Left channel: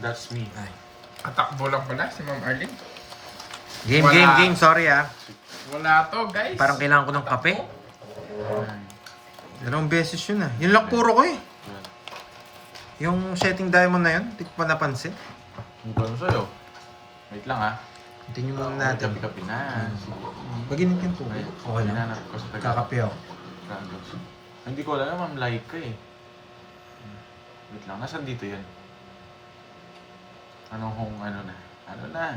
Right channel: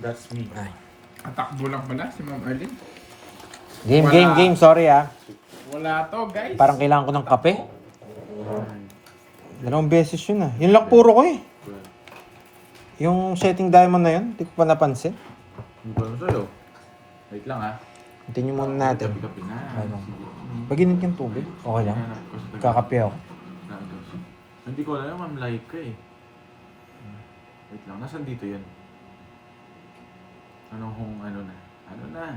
That's me. Atakbo lang pala si Ma'am Arlene. Game. Sorry Wala to, guys. Parang kailangan ko ng kape. 2 beses yun Yun lang puro ko Yung setting diamond na yun, hindi ko pa napansin. Ano ba sa'yo? Wait lang ha. Tingnan muna natin. Kapi-kapi na. Paginit yung tubig. Okay lang. Kakape ako. Hindi ko alam, ma'am, like ka eh. Wait lang, nasan dito yun? Ano na?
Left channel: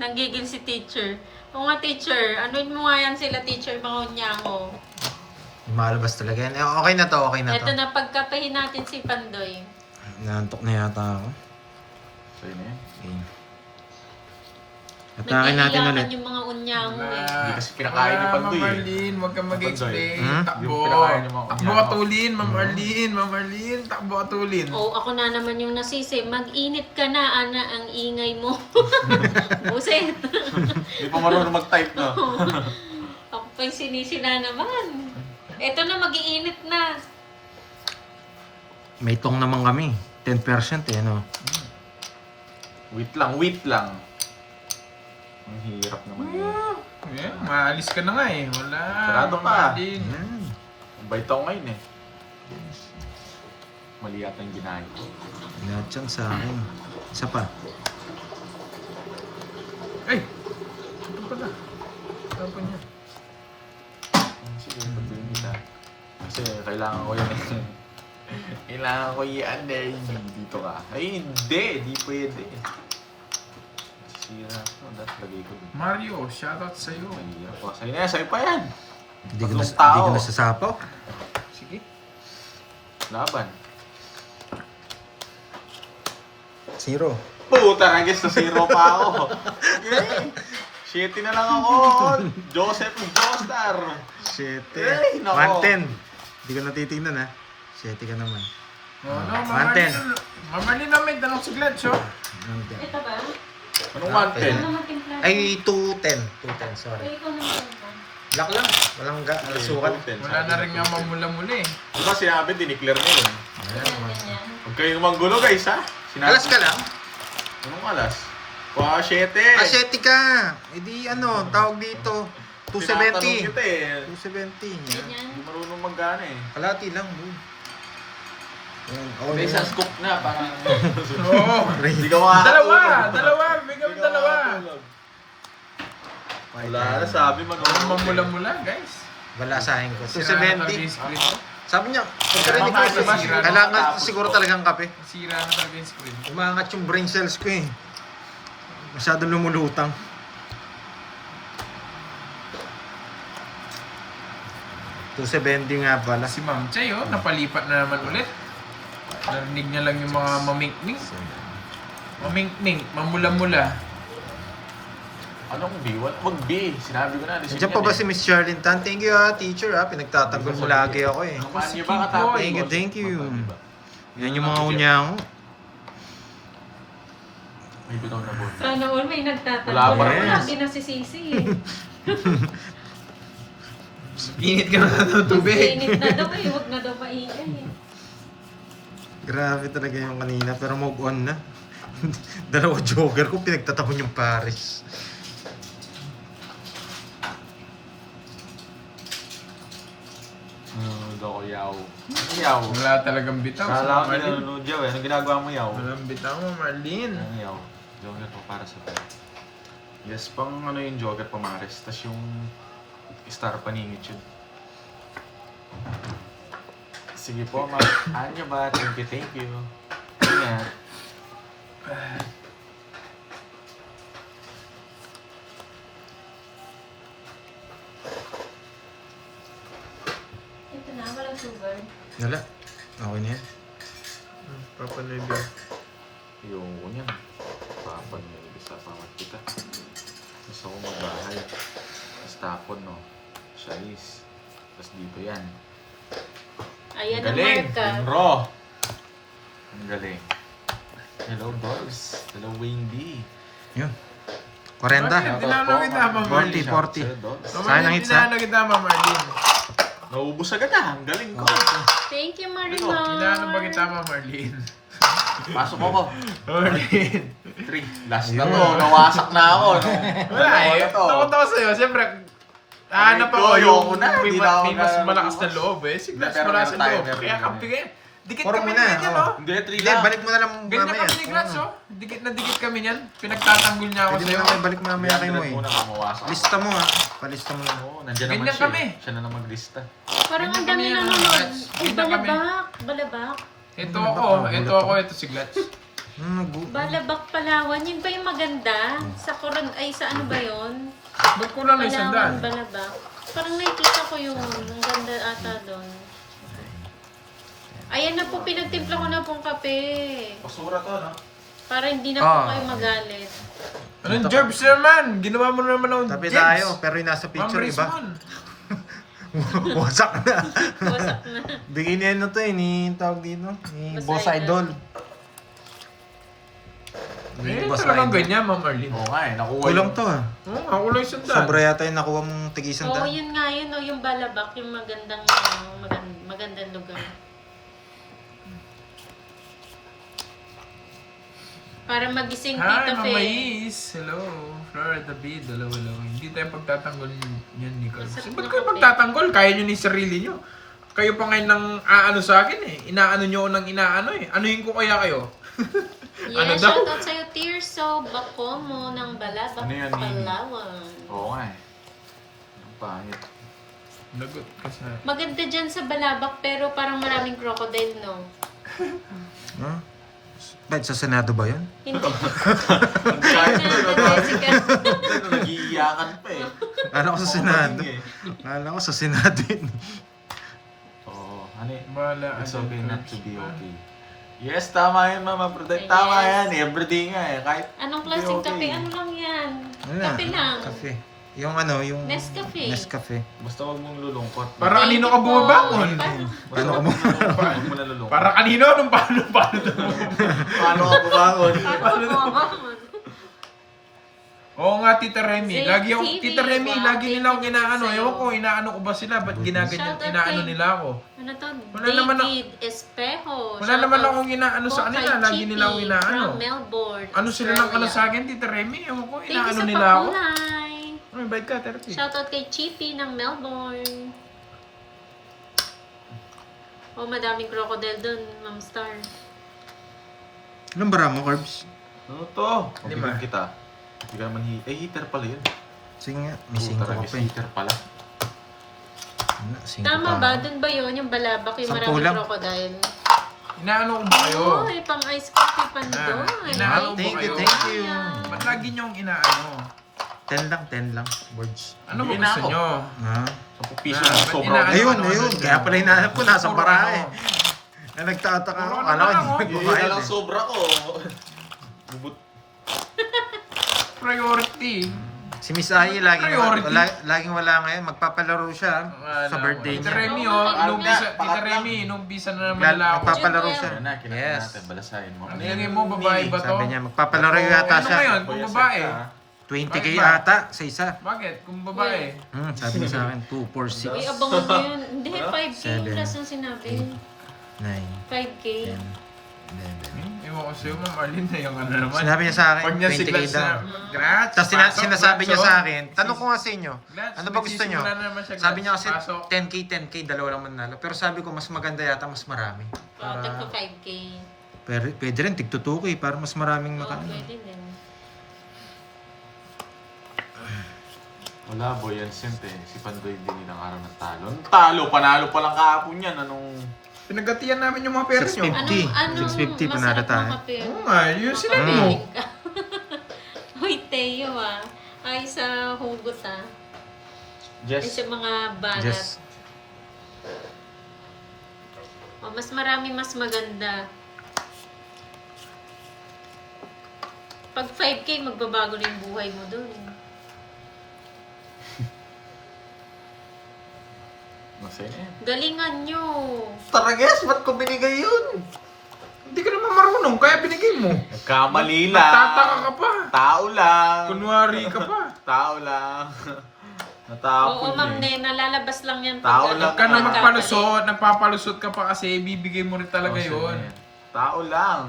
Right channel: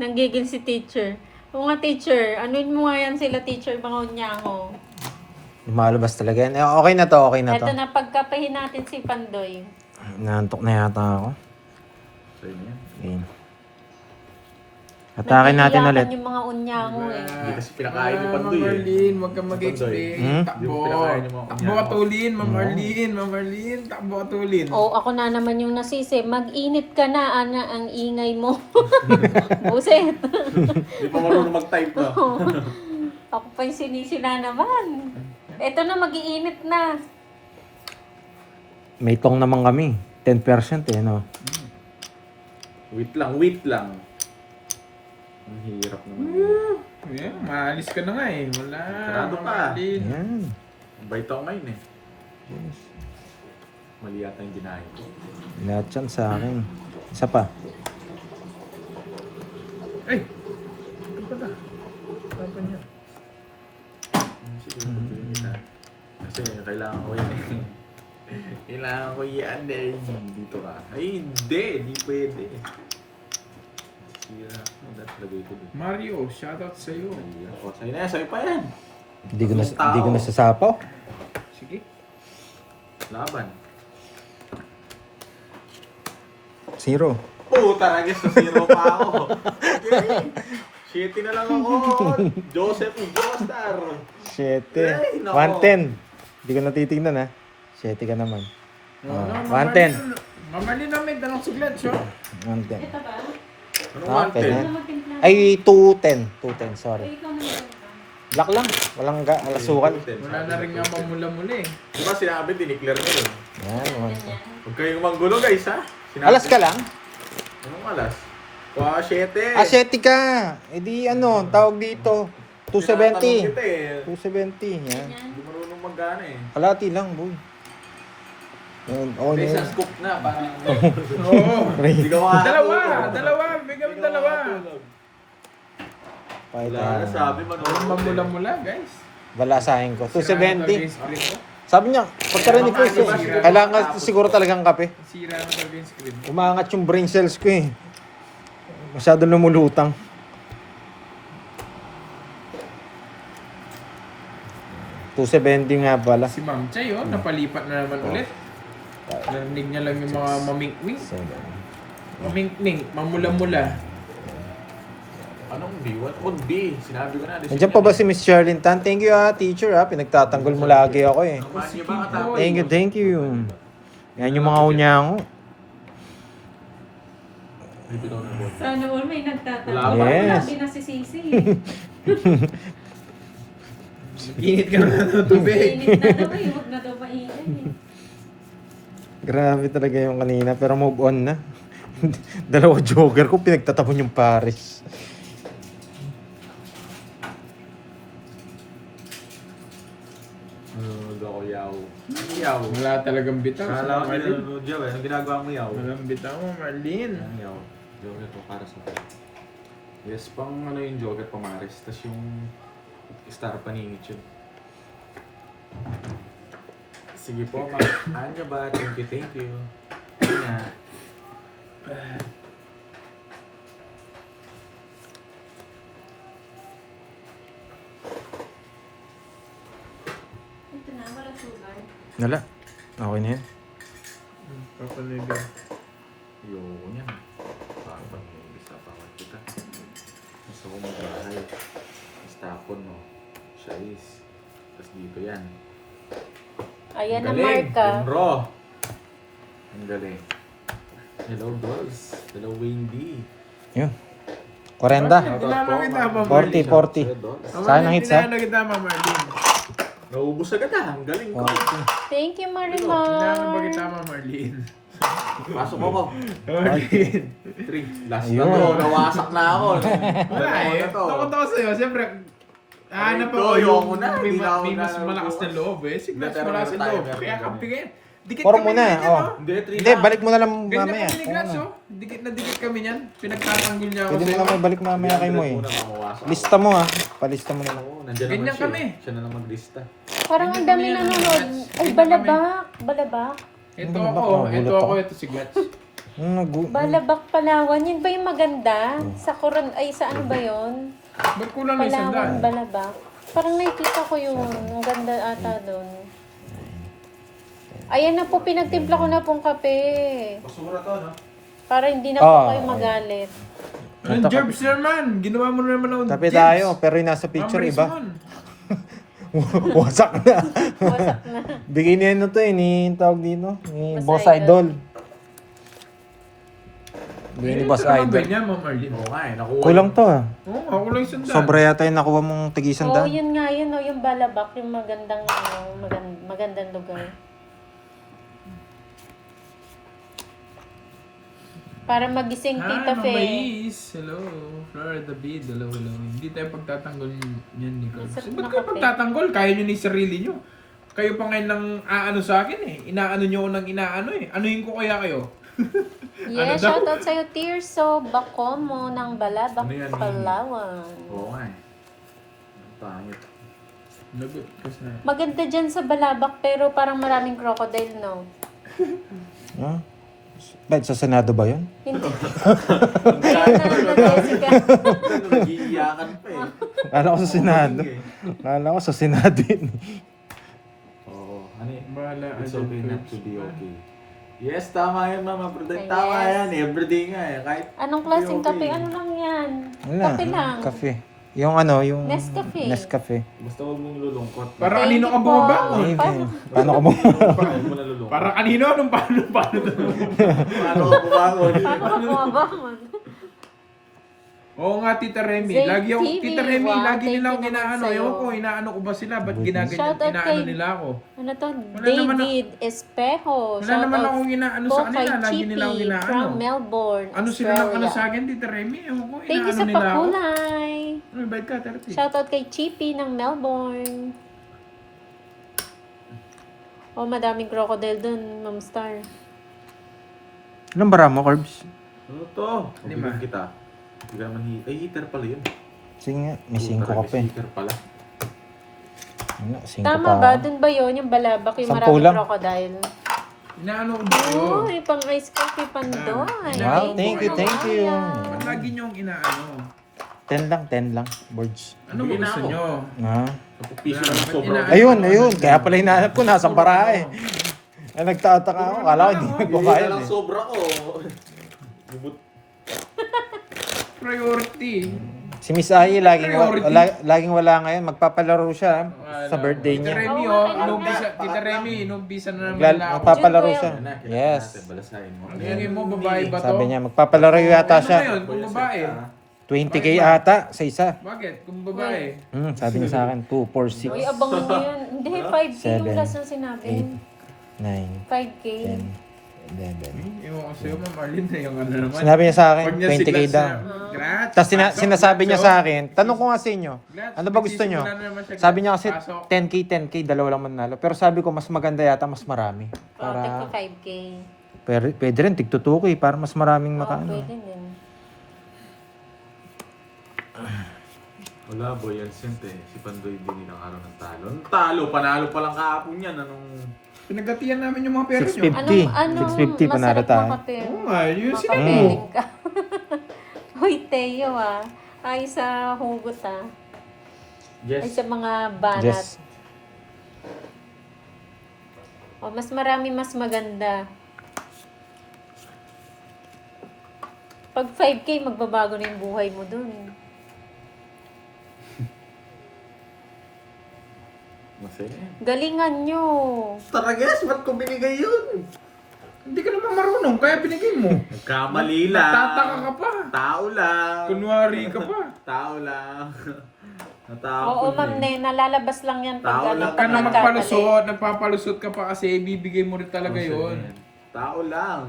Nanggigil si teacher. O nga teacher, anuin mo nga yan sila teacher, mga unyango. Malabas talaga yan. Okay na to. Ito na, pagkapahin natin si Pandoy. Nantok na yata ako. Sa'yo na yan. Okay. Atakin natin ulit. Nag-iiyakan yung mga unyango Hindi kasi pinakain ni Pandoy Ma'am eh. Arlene, huwag kang mag-explain. Takbo. Yung pinakain ni Ma'am Takbo atulin, Ma'am Arlene. Ma'am Arlene, takbo atulin. O, ako na naman yung nasisi. Mag-init ka na, Ana, ang ingay mo. Buset. Hindi pa marunong mag-type na. Ako pa yung sinisila naman. Ito na, mag-iinit na. May tong naman kami. 10% no? Wait lang. Ang hirap naman yun. Yeah, maalis ka na nga eh. Wala. Sarado Ma'am ka. Arlene. Ang bait ako ngayon eh. Mali yata yung ginaya ko. Lahat yan sa akin. Isa pa. Ay! Ano ka na? Ano ka na? Sige, pagtingin na. Kasi kailangan ko yan eh. Kailangan ko yan eh. Dito ka. Ay, hindi. Di pwede. Sira ko. Dapat lagay ko dito. Mario, shoutout sa'yo. Mahirap pa. Sa'yo na, sa'yo pa yan. Hindi ko nasasapaw. Sige. Laban. 0. Puta, nagis na zero pa ako. Okay. Shitty na lang ako. Joseph Joestar. 7. Ay, nako. 110. Hindi ko natitignan 7 ka naman. No, Ma'am 110. Arlene. Ma'am Arlene namin, tanong suglat, siya. 110. Ito ba? Anong Okay. 110? Ano matimpla? Ay, 210. 210, sorry. Ay, ikaw naman. Lock lang. Walang alasukan. Wala na rin nga mamula-mula eh. Diba sinabi, dineclare nyo yun. Yan, 110. Huwag kayong manggulo guys ha. Sinabi, Alas ka lang? Anong alas? Wow, 7. Aseti ka. E di tawag dito. 270. Tinatanong kita eh. 270. Yan. Hindi marunong mag-gana eh. Kalati lang, boy. Yan. Oh, May yan. isang scoop na, parang... Oo. Hindi ka makakatulog. Dalawa. Bigyan mo dalawa. Wala na, sabi mo. Walang mamula-mula, guys. Balasahin ko. Sira na daw 270. yung screen ko. Sabi niya, pagkarinig ko, kailangan siguro talagang kape. Sira na daw yung screen. Umangat yung brain cells ko eh. Masyado lumulutang. $270 nga pala. Si Ma'am Chay, napalipat na naman ulit. Narinig niya lang yung mga mamink-mink. Mamink-mink, mamula-mula. Anong B? Wag B. Sinabi ko na. Nandiyan pa ba si Miss Sherlyn Tan? Thank you teacher Pinagtatanggol mo lagi ako eh. Kumain niyo ba katapos? Thank you. Yan yung mga unyango. May bitaw na board. Sana all may nagtatanong. Wala ba? Wala Yes. din na si Sisi. Init ka na ng tubig. Init na daw eh. Huwag na daw maingay eh. Grabe talaga yung kanina pero move on na. Dalawa jogger ko pinagtatapon yung Paris. Hindi ako yaw. Yaw. Wala talagang bitaw. Si Kala Ma'am ko Arlene. nanonood yaw eh. Anong ginagawa mo yaw? Walang bitaw, Ma'am Arlene. Ano yaw? Jogger po para sa akin. Yes, pang ano yung jogger pamaris. Tapos yung star paningit yun. Sige po, ma'am. Anya ba? Thank you. Yan. Ito na, walang sugar. Wala. Okay na yan. Papanood. Yun yan. Papag-isa pa kita. Gusto ko mag-bahay. Tapos tapon, no? Size. Tapos dito yan. Ayan Ang ang galing. marka. Yung raw. Ang galing. Hello, dogs. Hello, Wendy. Yun. 40. Tinanong kita, Ma'am Arlene. 40. Sila, dogs. Sa akin ang hits, ha? Tinanong kita, Ma'am Arlene. Naubos agad ah. Ang galing ko. Thank you, Tinanong ba Marimar. kita, Ma'am Arlene? Pasok ako. Marlin. 3. Last Ayun. na to. Nawasak na ako. No? Wala eh. na to. Takot ako sa'yo. Siyempre, hanap ko, ako yung ayoko na, may, di na ako may mas na- malakas na loob eh. Sige, Hindi, mas pero malakas meron na tayo, loob. meron Kaya kami. kampi kayo. Dikit Puro kami muna, ni ganyan, oh. oh. Hindi, 3 Hindi, lang. balik mo na lang Ganyan mamaya. kami ni Grats, Ano? oh. Dikit na dikit kami niyan. Pinagtatanggol niya ako Pwede mo sa'yo. na may balik mamaya kay mo eh. Muna, mawasak Lista mo ah. Palista mo na lang. Oo, nandiyan Ganyan naman siya. kami. Siya na lang maglista. Parang ang Ganyan dami kami, nanonood. Grats. Ay, Ganyan balabak. Balabak. Ito Ano ba? ako, Nagulat ito ako, ako. ito si Glats. Balabak, Palawan. Yun ba yung maganda? Sa Coron, ay sa ano ba yun? Ba't kulang na isang Palawan, daan? Balabak. Parang nakikita ko yun. Ang ganda ata doon. Ayan na po, pinagtimpla ko na pong kape. Basura to, no? Para hindi na po Ah. kayo magalit. Anong Jerbs naman? Ginawa mo naman ng Tabi Jerbs. tayo, pero yung nasa picture Amres iba. mon. Wasak na. Wasak na. Bigay niya ano to eh, ni tawag dito, ni Boss Boss Idol. Idol. Bigay ni Eh, Boss ito naman Idol. ganyan, Ma'am Arlene. Oo nga eh, nakuha. Kulang to ah. Oo, ako lang isang daan. Sobra yata yung nakuha mong tigisan Oo, daan. yun nga yun, oh, yung Balabak, yung magandang, magandang lugar. Para magising Hi, Tita Mama Fe. Is. Hello. Florida Bid. Hello, hello. Hindi tayo pagtatanggol niyan ni Chris. Masarap Ba't na kayo kape. pagtatanggol? Kaya nyo ni sarili nyo. Kayo pa ngayon nang aano sa akin eh. Inaano nyo ng inaano eh. Anuhin ko kaya kayo? Yes, Ano daw? shoutout sa'yo, Tirso Bacomo ng Balabak, Ano yun, Palawan. Oo nga eh. Pangit. Lagot ka sa... Maganda dyan sa Balabak pero parang maraming crocodile, no? Huh? Bakit sa Senado ba yun? Hindi. Kaya na, Jessica. Nag-iiyakan pa eh. Kala ko sa Senado. Kala ko sa Senado yun. Oo. Ano eh? Bala, It's ano, okay not to be okay. Yes, tama yan, Mama Prudent. Yes. Tama yan. Everyday nga eh. Kahit Anong klaseng okay. kape? Ano lang yan? Wala. Kape lang. Kafe. Yung ano, yung... Nescafe. Nescafe. basta huwag mong lulungkot. Para Thank kanino ka you po. bumabangon? Paano ko ba? Huwag mo na lulungkot. Para kanino? Anong paano to? Paano ka bumangon? Paano ka bumabangon? Oo nga, Tita Remy. Zay Lagi yung, TV, Tita Remy, wow, lagi thank nilang you naman inaano. sa'yo. Ewan ko, inaano ko ba sila? Ba't ginaganyan, Shoutout inaano kay- nila ako? Ano to? Wala naman David Espejo. Wala naman akong inaano sa kanila. Lagi nilang inaano. from Melbourne, Ano sila ng ano Australia. sa akin, Tita Remy? Ewan ko, Thank you inaano sa nila ako. pakulay. Ay, bait ka, Terti. Shoutout kay Chippy ng Melbourne. Oh, madaming crocodile dun, Ma'am Star. Ilang bara mo, Corbs? Ano to? Lima. Mabigyan kita. Hindi ka naman heater pala yun. Sige nga, may 5 ka pa eh. Heater pala. Wala, 5 Tama pa ba? ako. Dun ba yun? Yung Balabak, yung 10 maraming lang. crocodile? Inaano ko ba kayo? Oh, pang ice coffee pandoy. Wow, thank you, thank you. Ba't lagi niyong inaano? 10 lang, boards. Ano ba Bigyan na gusto ako. niyo? Ah. 10 piso Ah, na ba't sobrang. inaano? Ayun, ano, ayun. ano, Kaya ano? pala hinahanap ko, nasa Puro bara ano. eh. Na nagtataka ako, Puro kala ko ano hindi lang, magbabayad Yun ang eh. sobra ko. Bubut. Priority. Si Miss Ai, Priority. laging wala ngayon. Magpapalaro siya sa birthday Tita niya. Remy, Oo, oh. ano Inumpisa, nga? Tita Remy, inumpisa na naman Magla- nila ako. Magpapalaro June siya. Ayun na, kinakain Yes. natin. Balasahin mo. Nilagay mo, babae ba to? Sabi niya, magpapalaro yata Ano siya. ngayon, kung babae? 20k Bakit ba? ata sa isa. Bakit? Kung babae? Sabi niya sa akin, 2, 4, 6, Uy, abangan mo yun. Hindi, 5K yung 7, last na sinabi. 9, 5K. 10, 11. Ewan ko sa'yo, Ma'am Arlene, na yung ano naman. Sinabi niya sa akin, Pag niya 20k siglas daw. na, Grats, Tapos pasok, sinasabi niya pasok. sa akin, tanong ko nga sa inyo, Glats, ano ba gusto niyo? nagsisimula na naman siya, Sabi niya Glats, kasi pasok. 10k, dalawa lang manalo. Pero sabi ko, mas maganda yata, mas marami. Oh, tagpa 5K. Pero pwede rin, tig 2k para mas maraming Oo, makaano. pwede din. Wala, boy, yan sent eh. Si Pandoy din nilang araw ng talo. Ang talo, panalo pa lang kahapon yan. Anong... Pinagatiyan namin yung mga pera niyo. 650. Anong 650 panalo masarap tayo. makape? Oo nga, yun sila. Makapiling ka. Hoy, Teo ah. Ay sa hugot ah. Ay Yes. sa mga banat. Yes. O, mas marami, mas maganda. Pag 5K, magbabago na yung buhay mo dun. Masaya eh. Galingan nyo. Tara guys, ba't ko binigay yun? Hindi ka naman marunong, kaya binigay mo. Nagkamali lang. Natataka ka pa. Tao lang. Kunwari ka pa. Tao lang. Natapon Oo, Ma'am Ne, nalalabas lang yan Tao pag lang. Huwag ka na nagkamali. magpalusot, nagpapalusot ka pa kasi ibibigay mo rin talaga Masaya yun. yan. Tao lang.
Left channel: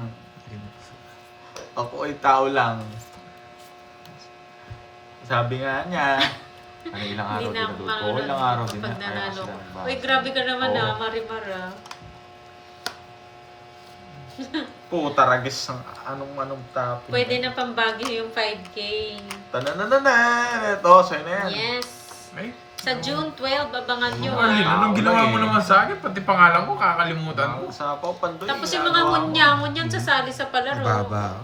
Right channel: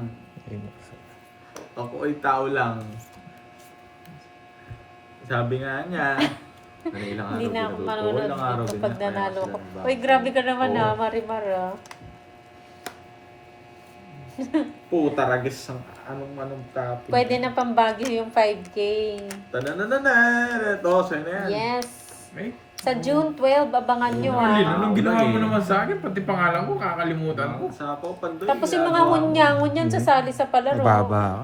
Ako ay tao lang. Sabi nga niya, ano ilang araw Hindi na ako din marunong ilang araw din kapag na, nanalo kaya ko. sila Uy, grabe ka naman Oo. Marimar Puta, ragis ang anong topic. Pwede na pambagyo yung 5K. Tananana! Ito, sa'yo na yan. Yes. Ay, Sa June 12, abangan nyo Marlene, ah. anong ginawa mo Okay. naman sa akin? Pati pangalan ko, kakalimutan ko. Sapaw, pandoy. Tapos yung mga hunyangon yan sasali sa palaro. Mababa.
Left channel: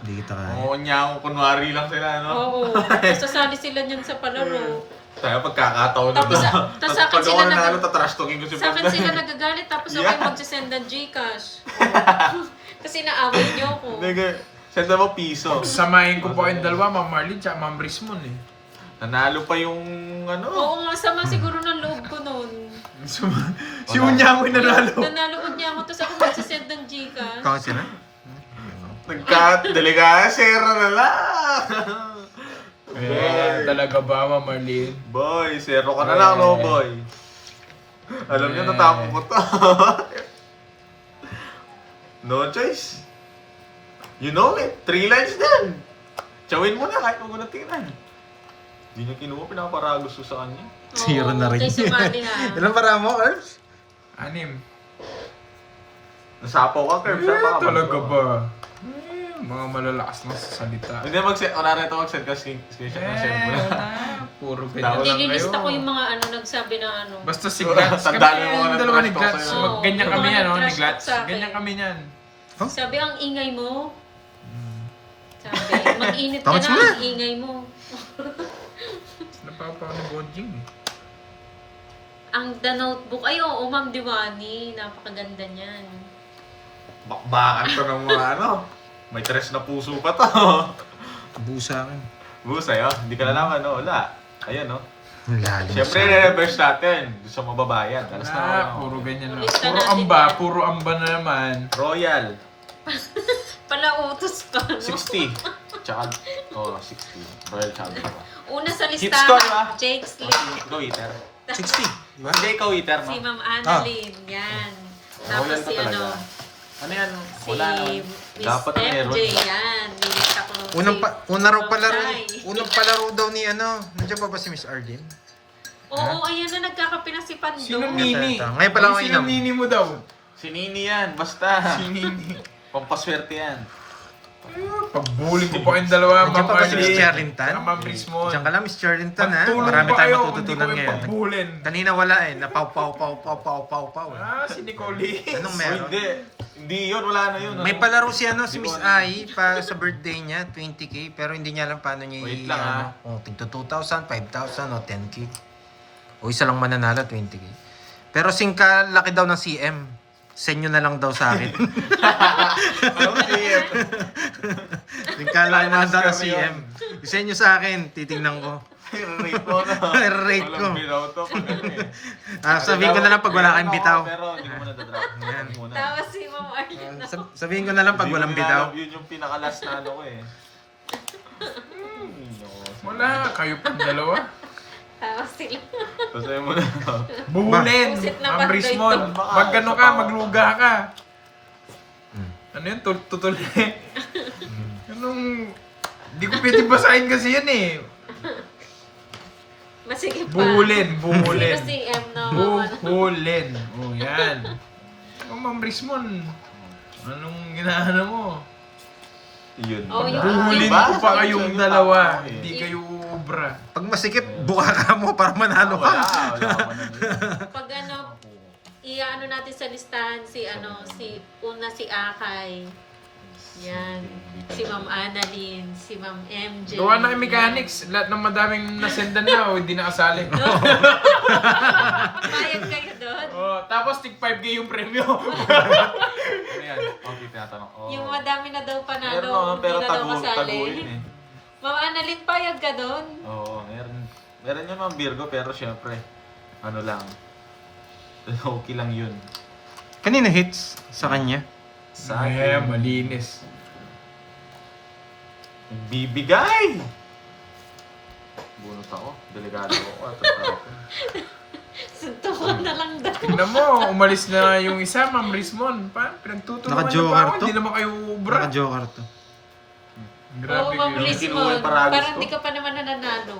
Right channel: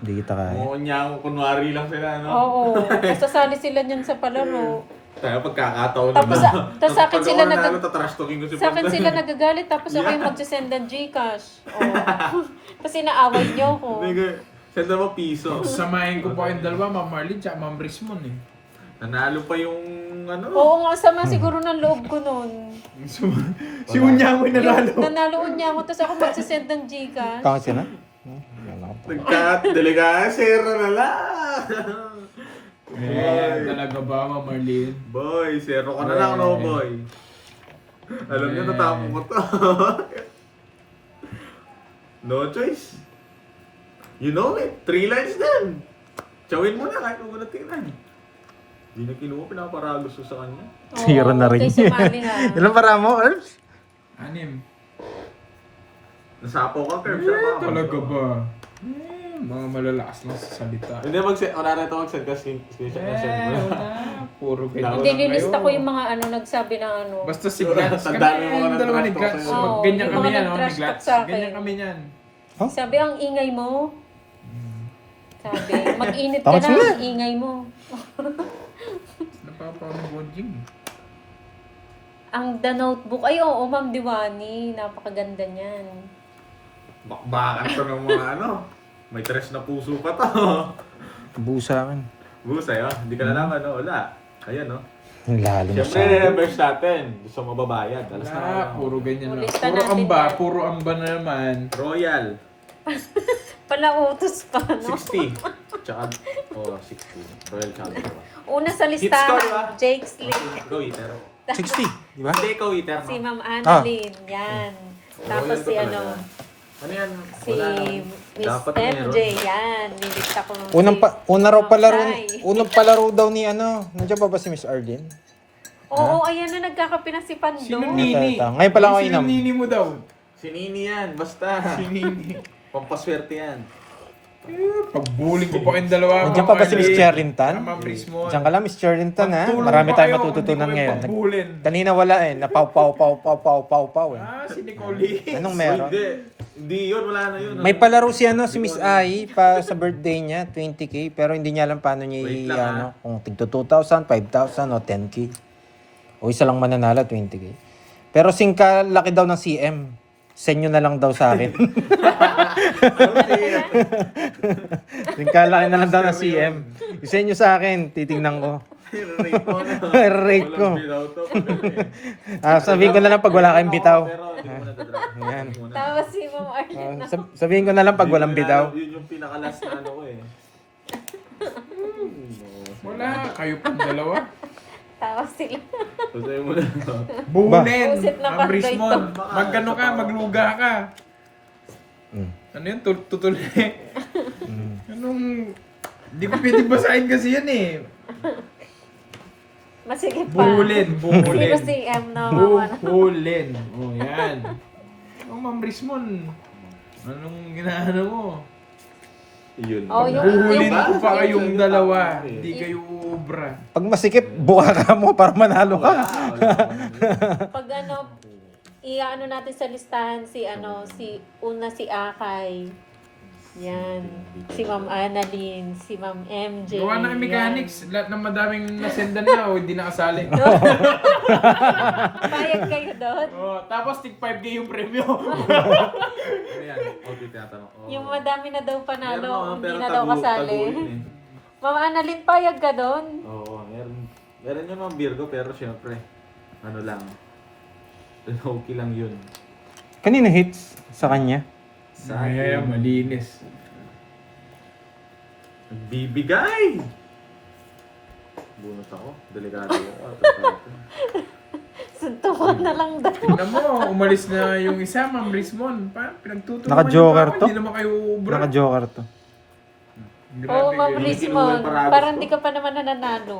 Hindi kita kaya. Oo niya ako, kunwari lang sila, no? Oo. Tapos sasali sila niyan sa palaro. Kaya pagkakataon Tapos na. tapos sa akin Pag sila ako nanalo, nag... tatrash talking ko si Sa akin Pandoy. sila nagagalit tapos ako Yeah. yung magsasend ng Gcash. Oh. Kasi naaway niyo ako. Nigga, senda mo piso. Samahin ko pa kayong dalawa, Ma'am Marlene tsaka Ma'am Rismon eh. Nanalo pa yung ano. Oo nga, sama siguro ng loob ko nun. Si Unya mo nanalo. Nanaloon niya ako tapos ako magsasend ng Gcash. Tama siya na? Nagka-delikado, zero na lang. Eh, talaga ba, Ma'am Marlene? Boy, zero ka na lang, no, boy. Alam niyo, natapon ko to. No choice. You know it. 3 lines din. Chawin mo na kahit huwag mo na tingnan. Hindi niya kinuha, pinaparagos ko sa kanya. Zero na rin. Kay si Manny nga. Ilan para mo, Earth? 6. Nasapaw ka, Kerb. Talaga ba? Mga malalakas na sa salita. Hindi, mag-set. Kunwari ito, mag-set ka screenshot mo siya. Puro ganyan. Hindi, nilista ko yung mga nagsabi ng ano. Basta si Glantz. Kami Tandaan mo yung na dalawa ni trash talk Glantz. sa'yo. Oo, Ganyan yung kami mga yan, no? Ni nag-trash talk Glantz. sa akin. Ganyan kami yan. Sabi, ang ingay mo. Sabi, mag-init ka Tama na, sila. ang ingay mo. Napapaw ni Bonjing. Ang The Notebook, ay oo, Ma'am Diwani, napakaganda niyan. Bakbakan ko ng mga ano. May tres na puso pa to. Busa lang. Busa yun. Hindi ka nalaman, no? Wala. Ayan, no? Ang lalim mo Siyempre, sa... reverse natin. Gusto mo babayad. Alas na Wala, ako. puro ganyan na. Ulista Puro natin amba, yan. puro amba na naman. Royal. Palautos pa, no? 60. Tsaka, 60. Royal Champion. Una sa Hit score, listahan, ah. Jake's League. Ikaw, Eater. 60, di ba? Hindi, ikaw, Eater, no? Si Ma'am Annalyn, yan. Tapos Royal si ka ano, talaga. Ano yan? si Wala. Miss Dapat na meron. MJ, yan. Nilista ko Una raw Ma'am palaro, Shai. unang palaro daw ni ano. Nandiyan ba ba si Miss Arden? Oo, ayan na, nagkakape na si Pando. Sino Ito, Nini? ito. Ngayon pala ako Sino inam. Nini mo daw? Si Nini yan, basta. Si Nini. Pampaswerte yan. Pagbully ko pa kayong dalawa, Nandiyan pa ba si Miss Marlene. Charrington? Ah, Ma'am Rismon. Diyan ka lang, Miss Charrington ha. Magtulong Marami pa tayong kayo, matututunan hindi ko ngayon. yung pagbulin. Kanina wala eh. Napaw-paw eh. Ah, si Nicole. Anong meron? Hindi yun, wala na yun. May palaro si ano, si Miss Ai pa sa birthday niya, 20k, pero hindi niya alam paano niya Wait lang, ano, kung tigto 2,000, 5,000 o 10k. O isa lang mananalo, 20k. Pero singka laki daw ng CM. Send nyo na lang daw sa akin. Ano siya? Singka laki na lang daw ng CM. Send nyo sa akin, titingnan ko. I-rate mo na. I-rate ko. Walang binaw to. Sabihin ko na lang pag wala kayong bitaw. Pero hindi ko na dadala. Ayan. Tapos si Ma'am Arlene. Sabihin ko na lang pag Hindi ko walang nilalab, bitaw. Yun yung pinaka-last na ano ko eh. Wala, kayo pang dalawa. Tapos sila. Tapos ayaw mo na. Bulin! Buset na Ma'am Pandoy Rismon. to. Magano ka, magluga ka. Mm. Ano yun? Tutuloy. Anong... Hindi ko pwede basahin kasi yan eh. Masige pa. Bulin, bulin. Sino si M na mama na? Bulin. O yan. Ang Ma'am Rismon. Anong ginaano mo? Yun. Oh, yung- Bulin Ba? ko pa kayong Yung dalawa. tama ko eh. Hindi kayo ubra. Pag masikip, buka ka mo para manalo Wala. ka. Pag ano, iaano natin sa listahan si ano, si Akay. Yan. Si Ma'am Annalyn, si Ma'am MJ. Gawa na kay yan. mechanics. Lahat ng madaming nasendan na o hindi nakasali. Bayad kayo doon. Oh, tapos tig 5K yung premyo. Ano yan? Okay, tinatanong. Oh. Yung madami na daw Meron panalo, naman, hindi pero na daw kasali. yun eh. Ma'am Annalyn, payag ka doon? Oo, meron. Meron yun mga Virgo, pero syempre, ano lang. Okay lang yun. Kanina hits sa kanya. Sa Eh, akin, malinis. bibigay! Bunot ako. Delikado ako. Suntukan na lang daw. Tignan mo, umalis na yung isa, Ma'am Rismon. Pinagtutulungan Naka-joker niyo pa ako, to? Hindi naman kayo ubra. Naka-joker to. Grabe Oo, Ma'am kayo. Rismon. Parados Parang to. di ka pa naman nananalo.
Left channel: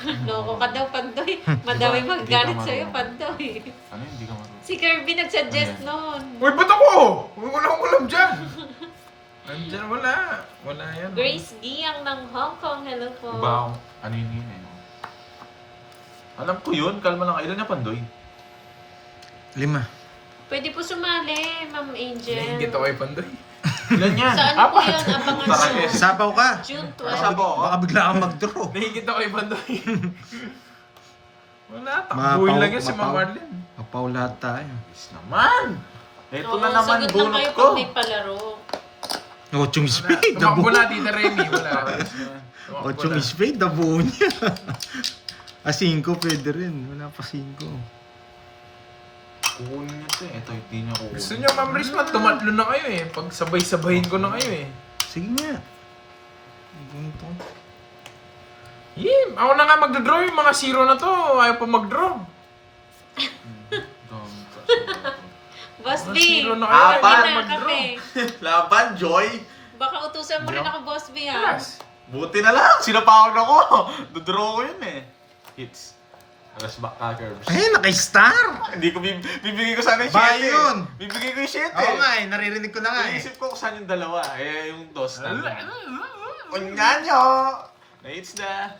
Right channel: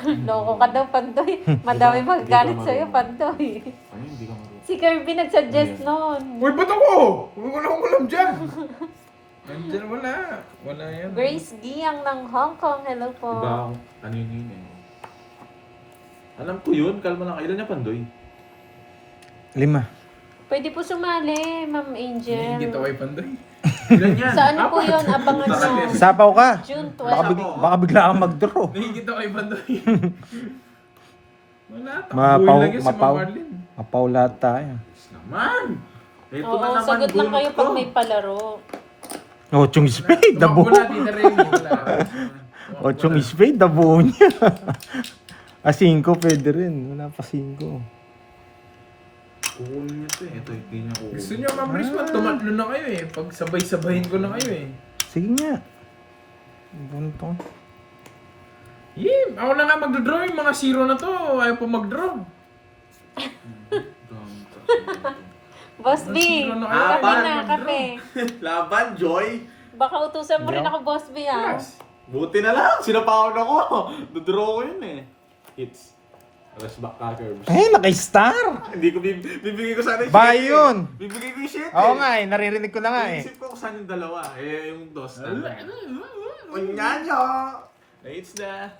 Loko ka daw, Pandoy. Madami magagalit sa'yo, Pandoy. Ano hindi ka marunong? Si Kirby nagsuggest nun. Uy, ba't ako? Walang dyan. Nandyan, wala. Wala yan. Grace Giang ng Hong Kong. Hello po. Iba ako. Ano yun yun? Alam ko yun. Kalma lang. Ilan na Pandoy? 5. Pwede po sumali, Ma'am Angel. Nahingit ako kay Pandoy. Ilan yan? Sa ano po yun? Abangan Baka nyo. yes. Sapaw ka. June Baka, 12. baka bigla kang mag-draw. Nahingit ako kay Pandoy. Wala, Mapaw- takbuhin lang yan si mapaw. Ma'am Arlene. Mapaw lahat tayo. Yes naman. Ito Oo, na naman sagot lang bunot kayo ko. pag may palaro. 8 spade, Tumakbo dabo. na, Tita Remy. Wala. 8 spade, dabo niya. 5 pwede rin. Wala pa 5. Kukunin niyo ito eh. Ito hindi niya kukunin. Gusto niyo, Ma'am Risman, tumatlo na kayo eh. Pag sabay-sabahin ko na kayo eh. Sige nga. Ganito. Ako na nga magdodraw yung mga zero na to. Ayaw pa magdraw. Boss B, Zero na kayo. kape na, Apat. kape. Laban, Joy. Baka utusan mo rin ako, Boss B, ah. Yes. Buti na lang. Sinapawan ako. Dodraw ko yun eh. Hits. Alas backpackers. Eh, naka-star. Hindi ko bibigay ko sana yung Bahay 7 yun. Bibigay ko yung 7 Oo nga eh, naririnig ko na nga eh. Isip ko kung saan yung dalawa. Eh, yung dos na. Unyanyo! Na-hits na.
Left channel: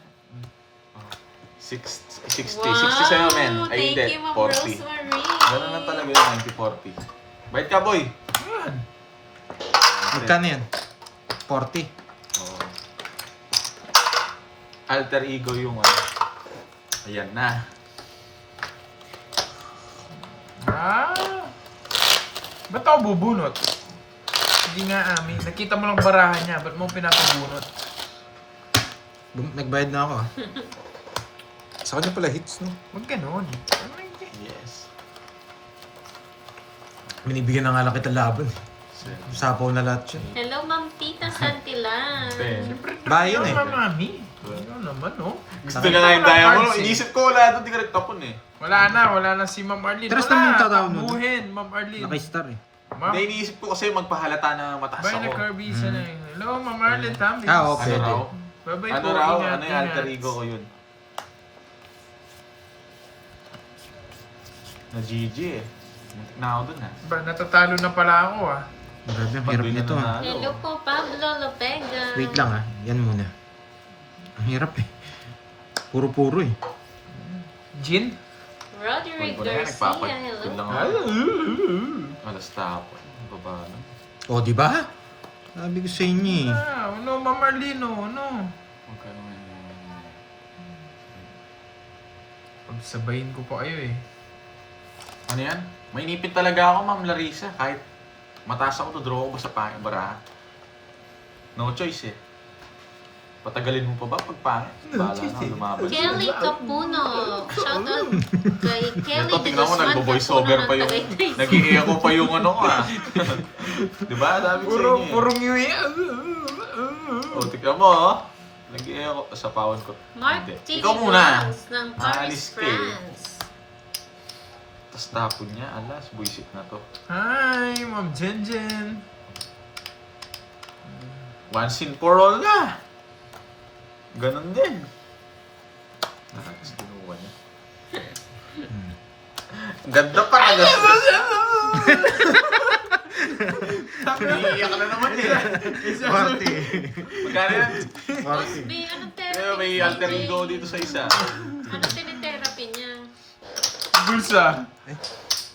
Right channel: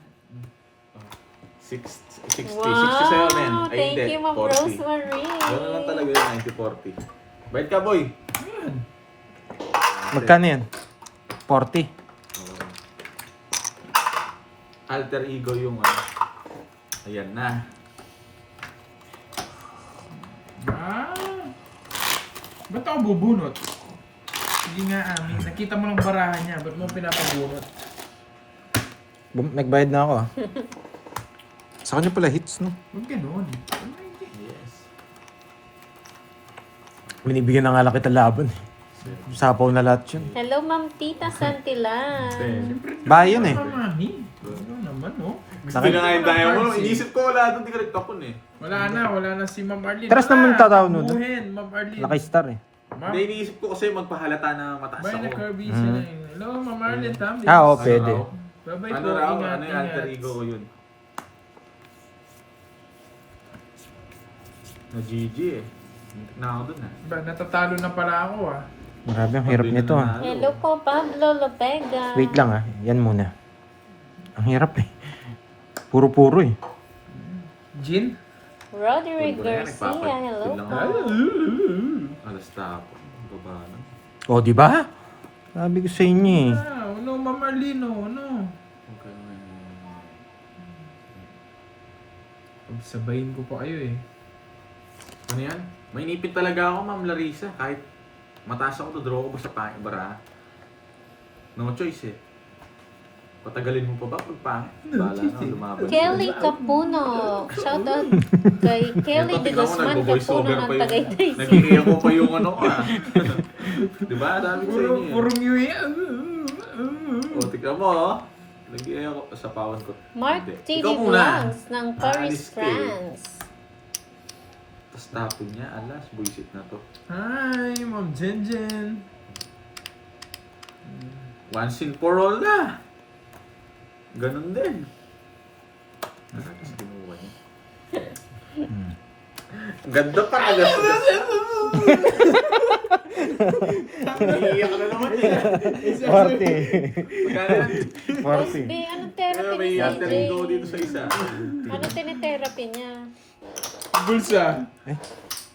60. 60 sa'yo, men. Wow, thank you, Ma'am 40. Rosemary. Ganun lang talaga yung 90-40. Bait ka, boy. Yan. Magkano yan? 40. Oo. Alter ego yung ano. Ayan na. Ba't ako bubunot? Hindi nga amin. Nakita mo lang barahan niya. Ba't mo pinapabunot? Nagbayad na ako ah. Sa kanya pala hits no? Huwag ganon. Ano yun? Yes. Binibigyan na nga lang kita laban. Sapaw na lahat yun. Hello, Ma'am Tita Santilan. Bahay yun eh. Mami. Ano naman, oh. Gusto na nga yung diamond. Inisip ko wala doon. Di ka nagtapon eh. Wala na si Ma'am Arlene. Teras Wala, naman yung tataw nun. takbuhin, Ma'am Arlene. Naka-star eh. Ma'am, Hindi, iniisip ko kasi magpahalata na mataas bye na ako. Kirby siya na yun. Hello, Ma'am Arlene. Tama. Ah, Ano okay. Pwede. raw? Bye-bye Ano po. raw? Ingat, Ano yung alter ingat. ego ko yun? Na GG eh. Na ako dun ah. Ba, natatalo na pala ako ah. Grabe, ang hirap nito ah. Hello po, Pablo Lopega. Wait lang ah. Yan muna. Ang hirap eh. Puro-puro eh. Jin? Roderick Puro na yan, Garcia. ipapatid Hello lang po. ako. Alas tapon. Baba na. O, di ba? Sabi ko sa inyo eh. Ano, Ma'am Arlene, ano? Huwag ka naman. Pagsabayin ko pa kayo eh. Ano yan? May inipit talaga ako, Ma'am Larissa. Kahit mataas ako to, draw ko ba sa baraha? No choice eh. Patagalin mo pa ba pag pangit? Bahala na, lumaban. Kelly Capuno. Shout out kay Kelly de Tingnan mo, Guzman nagbo-voice Capuno over ng pa yung... Tagaytay. Nag-i-echo pa yung ano ko ah. Diba? Dami ko sa inyo eh. Purong yui. O, tignan mo oh. Nag-i-echo sa pawan ko. Mark Hindi. TV Ikaw muna. Vlogs ng Paris, Alis ka eh. France. Tapos tapon niya. Alas, buisit na to. Hi, Ma'am Jen Jen. Once in for all na. Ganon din. Tapos ginuwa niya. Ganda pa na Iiyak na naman eh. 40. Magkano yan? Boss B, anong therapy May ni alter ego CJ? dito sa isa. Anong tinitherapy niya? Bulsa.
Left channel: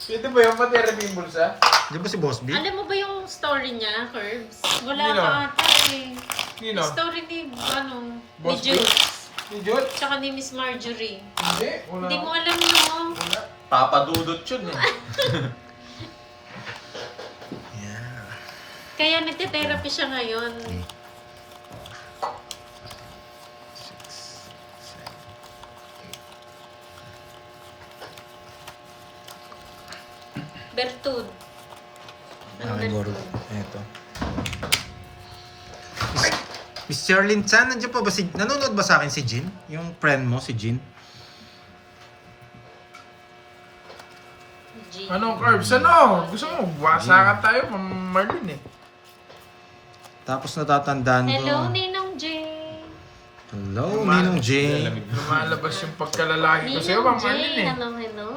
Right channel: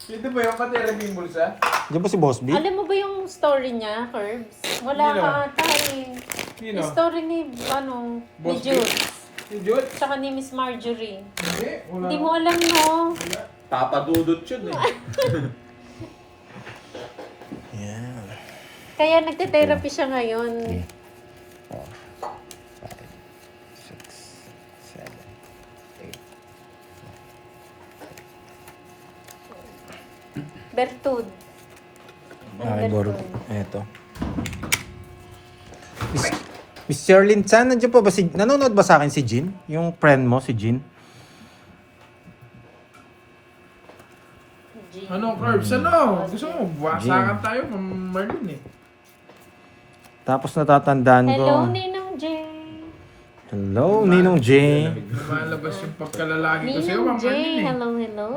Ito ba yung pa-therapy yung bulsa? Diyan ba si Boss B? Alam mo ba yung story niya, Curbs? Wala Hindi ka na. ata eh. Sino? Yung story ni, ni Boss B? Jude. Si Jut? Tsaka ni Miss Marjorie. Hindi. Wala. Hindi mo alam, no? Papadudot yun eh. Yeah. Kaya nagte-therapy siya ngayon. 6, 7, 8. Bertud. Ang Siguro. Bertud. Eto. Miss Sherlyn Chan, nandiyan pa ba si... Nanonood ba sa akin si Jin? Yung friend mo, si Jin? Ano, Curbs? Ano? Gusto mo, wasakan tayo, Marlin eh. Tapos natatandaan ko. Hello, Ninong J. Hello, Ninong J. Lumalabas yung pagkalalaki ko sa'yo, Ninong J, Marlin eh. hello, hello.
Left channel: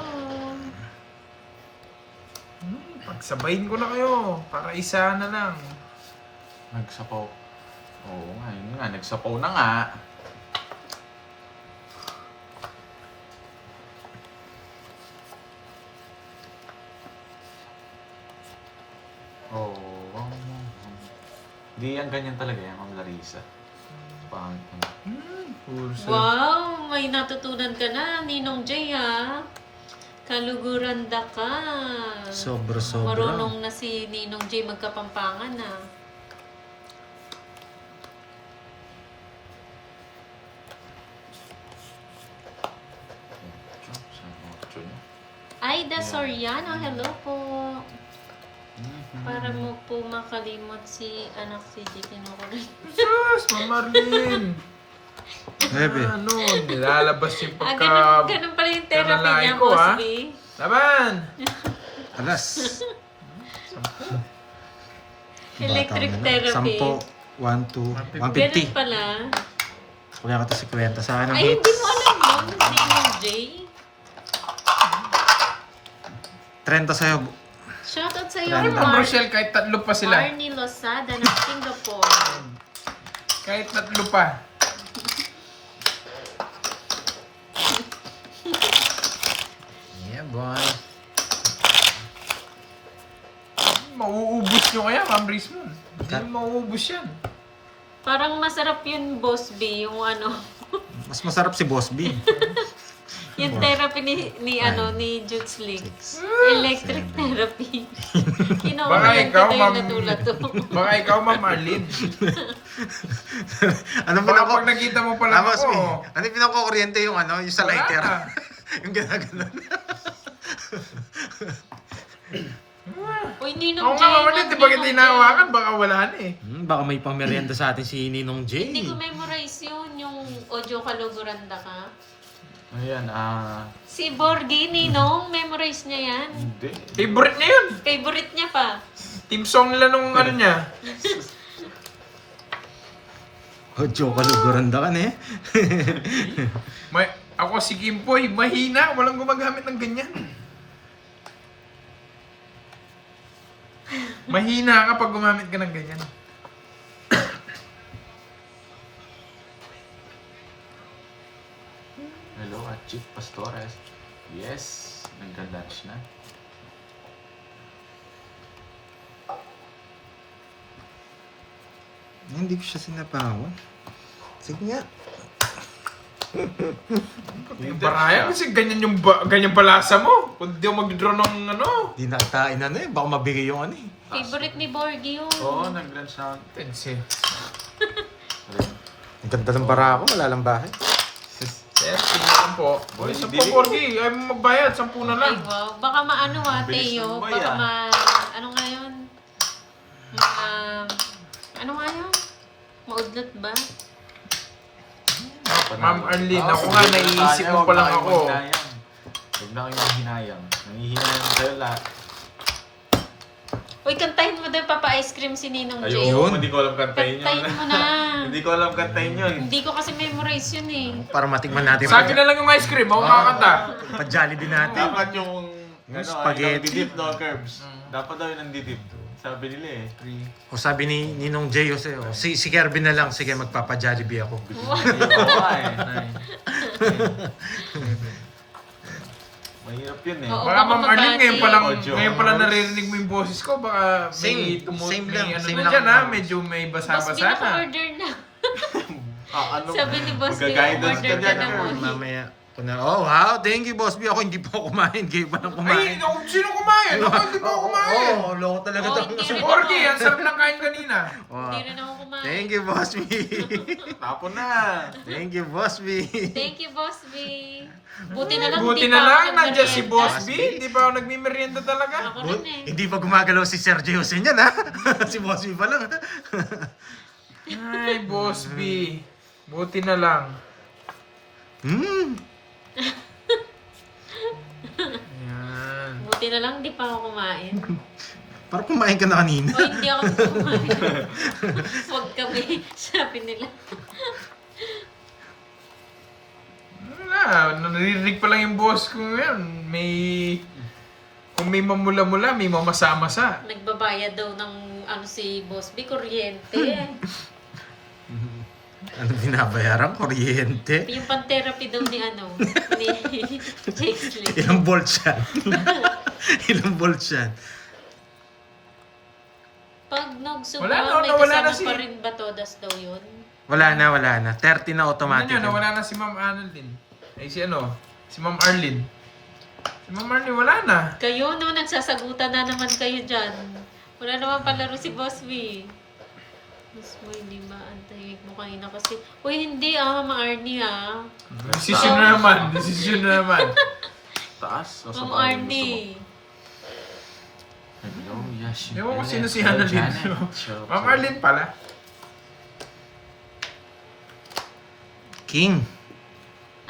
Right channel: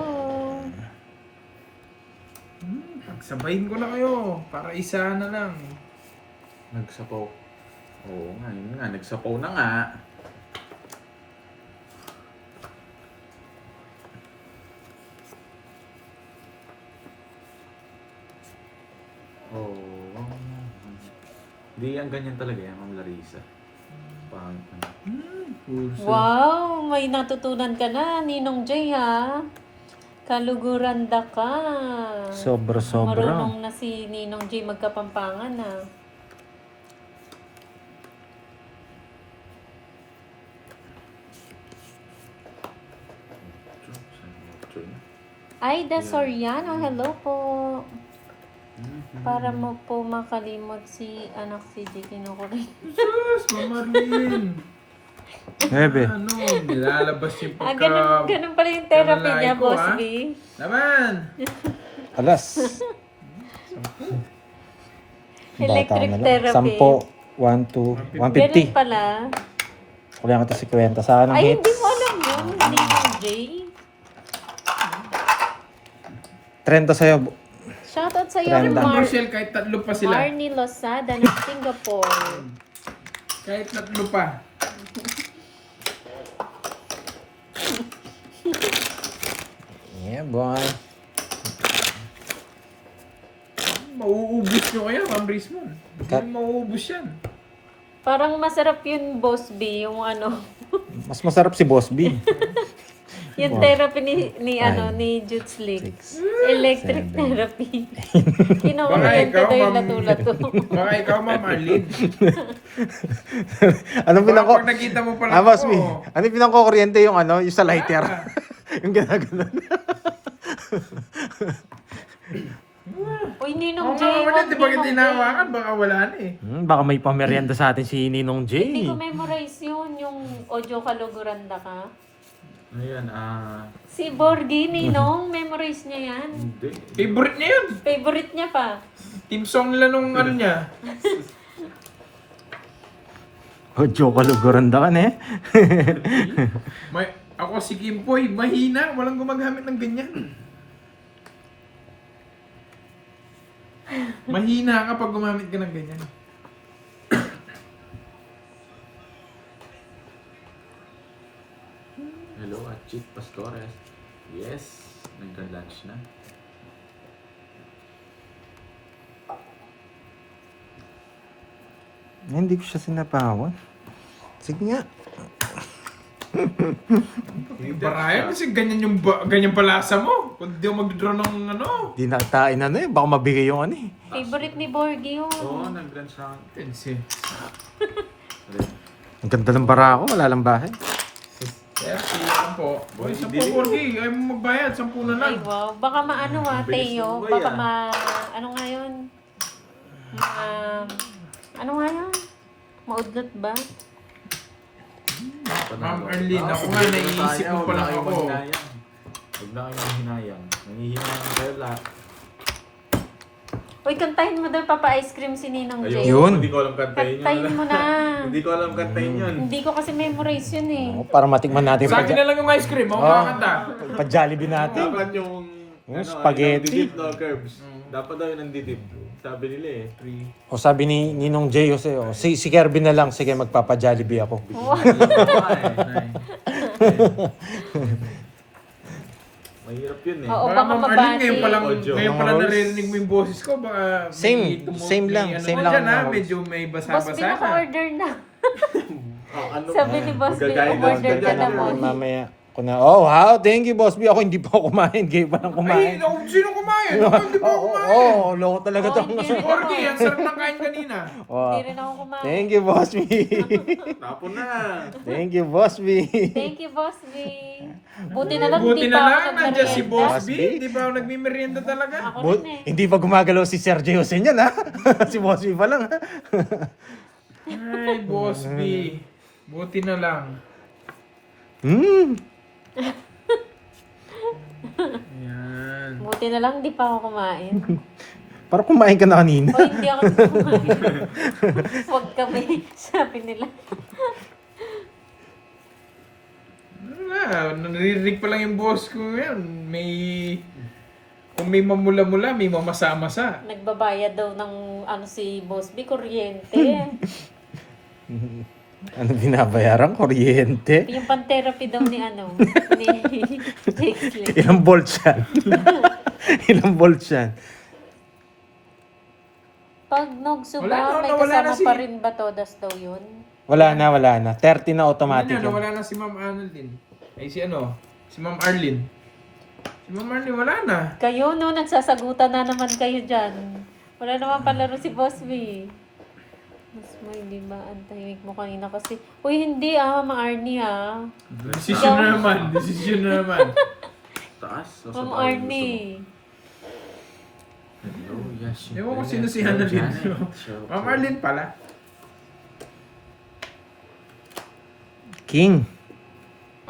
Pagsabayin ko na kayo, para isa na lang. Nagsapaw. Oo nga, yun nga. Nagsapaw na nga. Oo. Hindi yan ganyan talaga yan, Ma'am Larissa. Wow, may natutunan ka na, Ninong J, ha? Kaluguranda ka. Sobra-sobra. Marunong na si Ninong J magkapampangan, ha? Aida Soriano, hello po. Para mo po makalimot si anak si Titino ko rin. Sus, Marlin! Bebe. Ano, nilalabas yung pagka... Ganun pala yung therapy Kalalaki niya, ko, Boss ah. B. Laban! Alas. Electric Bata na lang. therapy. 10, 1, 2, Ganun 150. pala. Kulang ko to si Kwenta. Sa akin ang Ay, hindi mo alam yun, Ninong J. 30 sa'yo. Shoutout sa iyo, Trend. Rochelle, kahit tatlo pa sila. Marnie Losada ng Singapore. Kahit tatlo pa. Yeah, boy. Mauubos nyo kaya, Ma'am Rismon. Hindi mauubos yan. Parang masarap yun, Boss B, yung ano, Mas masarap si Boss B. yung therapy ni Juts League. Electric therapy. Kinukuryente ikaw, daw yung Ma'am. lato-lato. Baka ikaw, Ma'am Marlin. Ano Baka pinako? pag nakita mo pala Boss B. ako. Ano pinako-kuryente yung ano? Yung sa lighter. Wala. Yung gano'n. Uy, Ako Ninong J, nga, Marlin, wag di ba Ninong hindi J. nahawakan? Baka wala na eh. Baka may pamerienda sa atin si Ninong J. Hindi ko memorize yun, yung audio kaluguranda ka. Ayan, Si Borgie, Ninong, memorize niya yan. hindi. Favorite niya yun. Favorite niya pa. Team song nila nung ano niya. Joke luguranda ka na eh. Ako si Kimpoy, mahina. Walang gumagamit ng ganyan. Mahina ka pag gumamit ka ng ganyan. Hello, Chief Pastores. Yes, nagka-lunch na. Hindi ko siya sinapawan. Sige nga. Baraya kasi ganyan yung ganyan palasa mo. Kung di mo mag-draw ng ano. Di natain na eh. Baka mabigay yung ano eh. Favorite ni Borgie yun. Oo, nag-lunch na. Pencil. Ang ganda ng bara ako. Wala lang bahay. Yes, sige po. Uy, 10 Borgie. Ayaw mo magbayad. 10 na lang. Ay, wow. Baka maano Bilis Teo. mo ba Baka yan? ano nga yun? Ano nga yun? Maudlot ba? Ma'am Arlene, ako nga naiisip mo pa lang ako. Huwag na kayong hinayang. Nangihinayang kayo lahat. Uy, kantahin mo daw Papa Ice Cream si Ninong J. Yun. Hindi ko alam kantahin yun. Kantahin mo na. Hindi ko alam kantahin yun. Hindi ko kasi memorize yun eh. Para matikman natin Sa akin na lang yung ice cream. Ako kakanta. pa-Jollibee natin. Dapat yung spaghetti. nandidip, no, Curbs. Dapat daw yung nandidip. Sabi nila eh. O sabi ni Ninong J. Jose, si Kirby na lang. Sige, magpapa-Jollibee ako. Mahirap yun eh. Oo, Baka baka Ma'am Arlene, mabati. ngayon pala naririnig mo yung boses ko. Baka Same. Same lang. Ano Same mo lang dyan, ako. ha? Medyo may Boss B, basa-basa ka. naka-order na. Ano? Sabi ni Boss B, Magka-guidance order ka ka dyan, na Curbs. mo. Mamaya ko na, oh wow, thank you Boss B. Ako hindi pa ako kumain. Kayo pa lang Ay, kumain. sino kumain? Ako hindi pa kumain. Loko talaga Oh, to. hindi rin Borgie, ako. ang sarap ng kain kanina. Oh, Hindi rin ako kumain. thank you Boss B. Tapon na. Thank you Boss B. Thank you, Boss B. Buti na lang, Buti hindi na pa ako lang, nandiyan si nagmerienda. Boss B. Hindi pa ako nagmimerienda talaga. Ako rin eh. Hindi pa gumagalaw si Sergio Jose niyan ha. Si Boss B pa lang ha. Ay, Boss B. Buti na lang. Hmm. Yan. Buti na lang, di pa ako kumain. Parang kumain ka na kanina. O hindi ako kumain. Huwag kami, sabi nila. Wala, naririnig pa lang yung boss ko ngayon. Kung may mamula-mula, may mamasa-masa. Nagbabayad daw ng si Boss B, kuryente. Ano binabayaran? Kuryente? Yung pan-therapy daw ni Jake Slim. Ilang volts yan? Ilang volts yan? Pag Wala nagsuba, na, may nawala kasama na si- pa rin ba todas daw yun? Wala na. 30 na automatic. Ano, yun. wala na si Ma'am Arlene. Ay, si Ma'am Arlene. Si Ma'am Arlene, wala na. Kayo, no, nagsasagutan na naman kayo dyan. Wala naman palaro si Boss B. Mas mo, hindi ba? Antahimik mo kanina kasi. Uy, hindi Ma'am Arnie Desisyon na naman. Taas. O, Ma'am sa bahay, Arnie. Hello, yes. Ewan ko sino si Annalyn. Ma'am Arlene pala. King.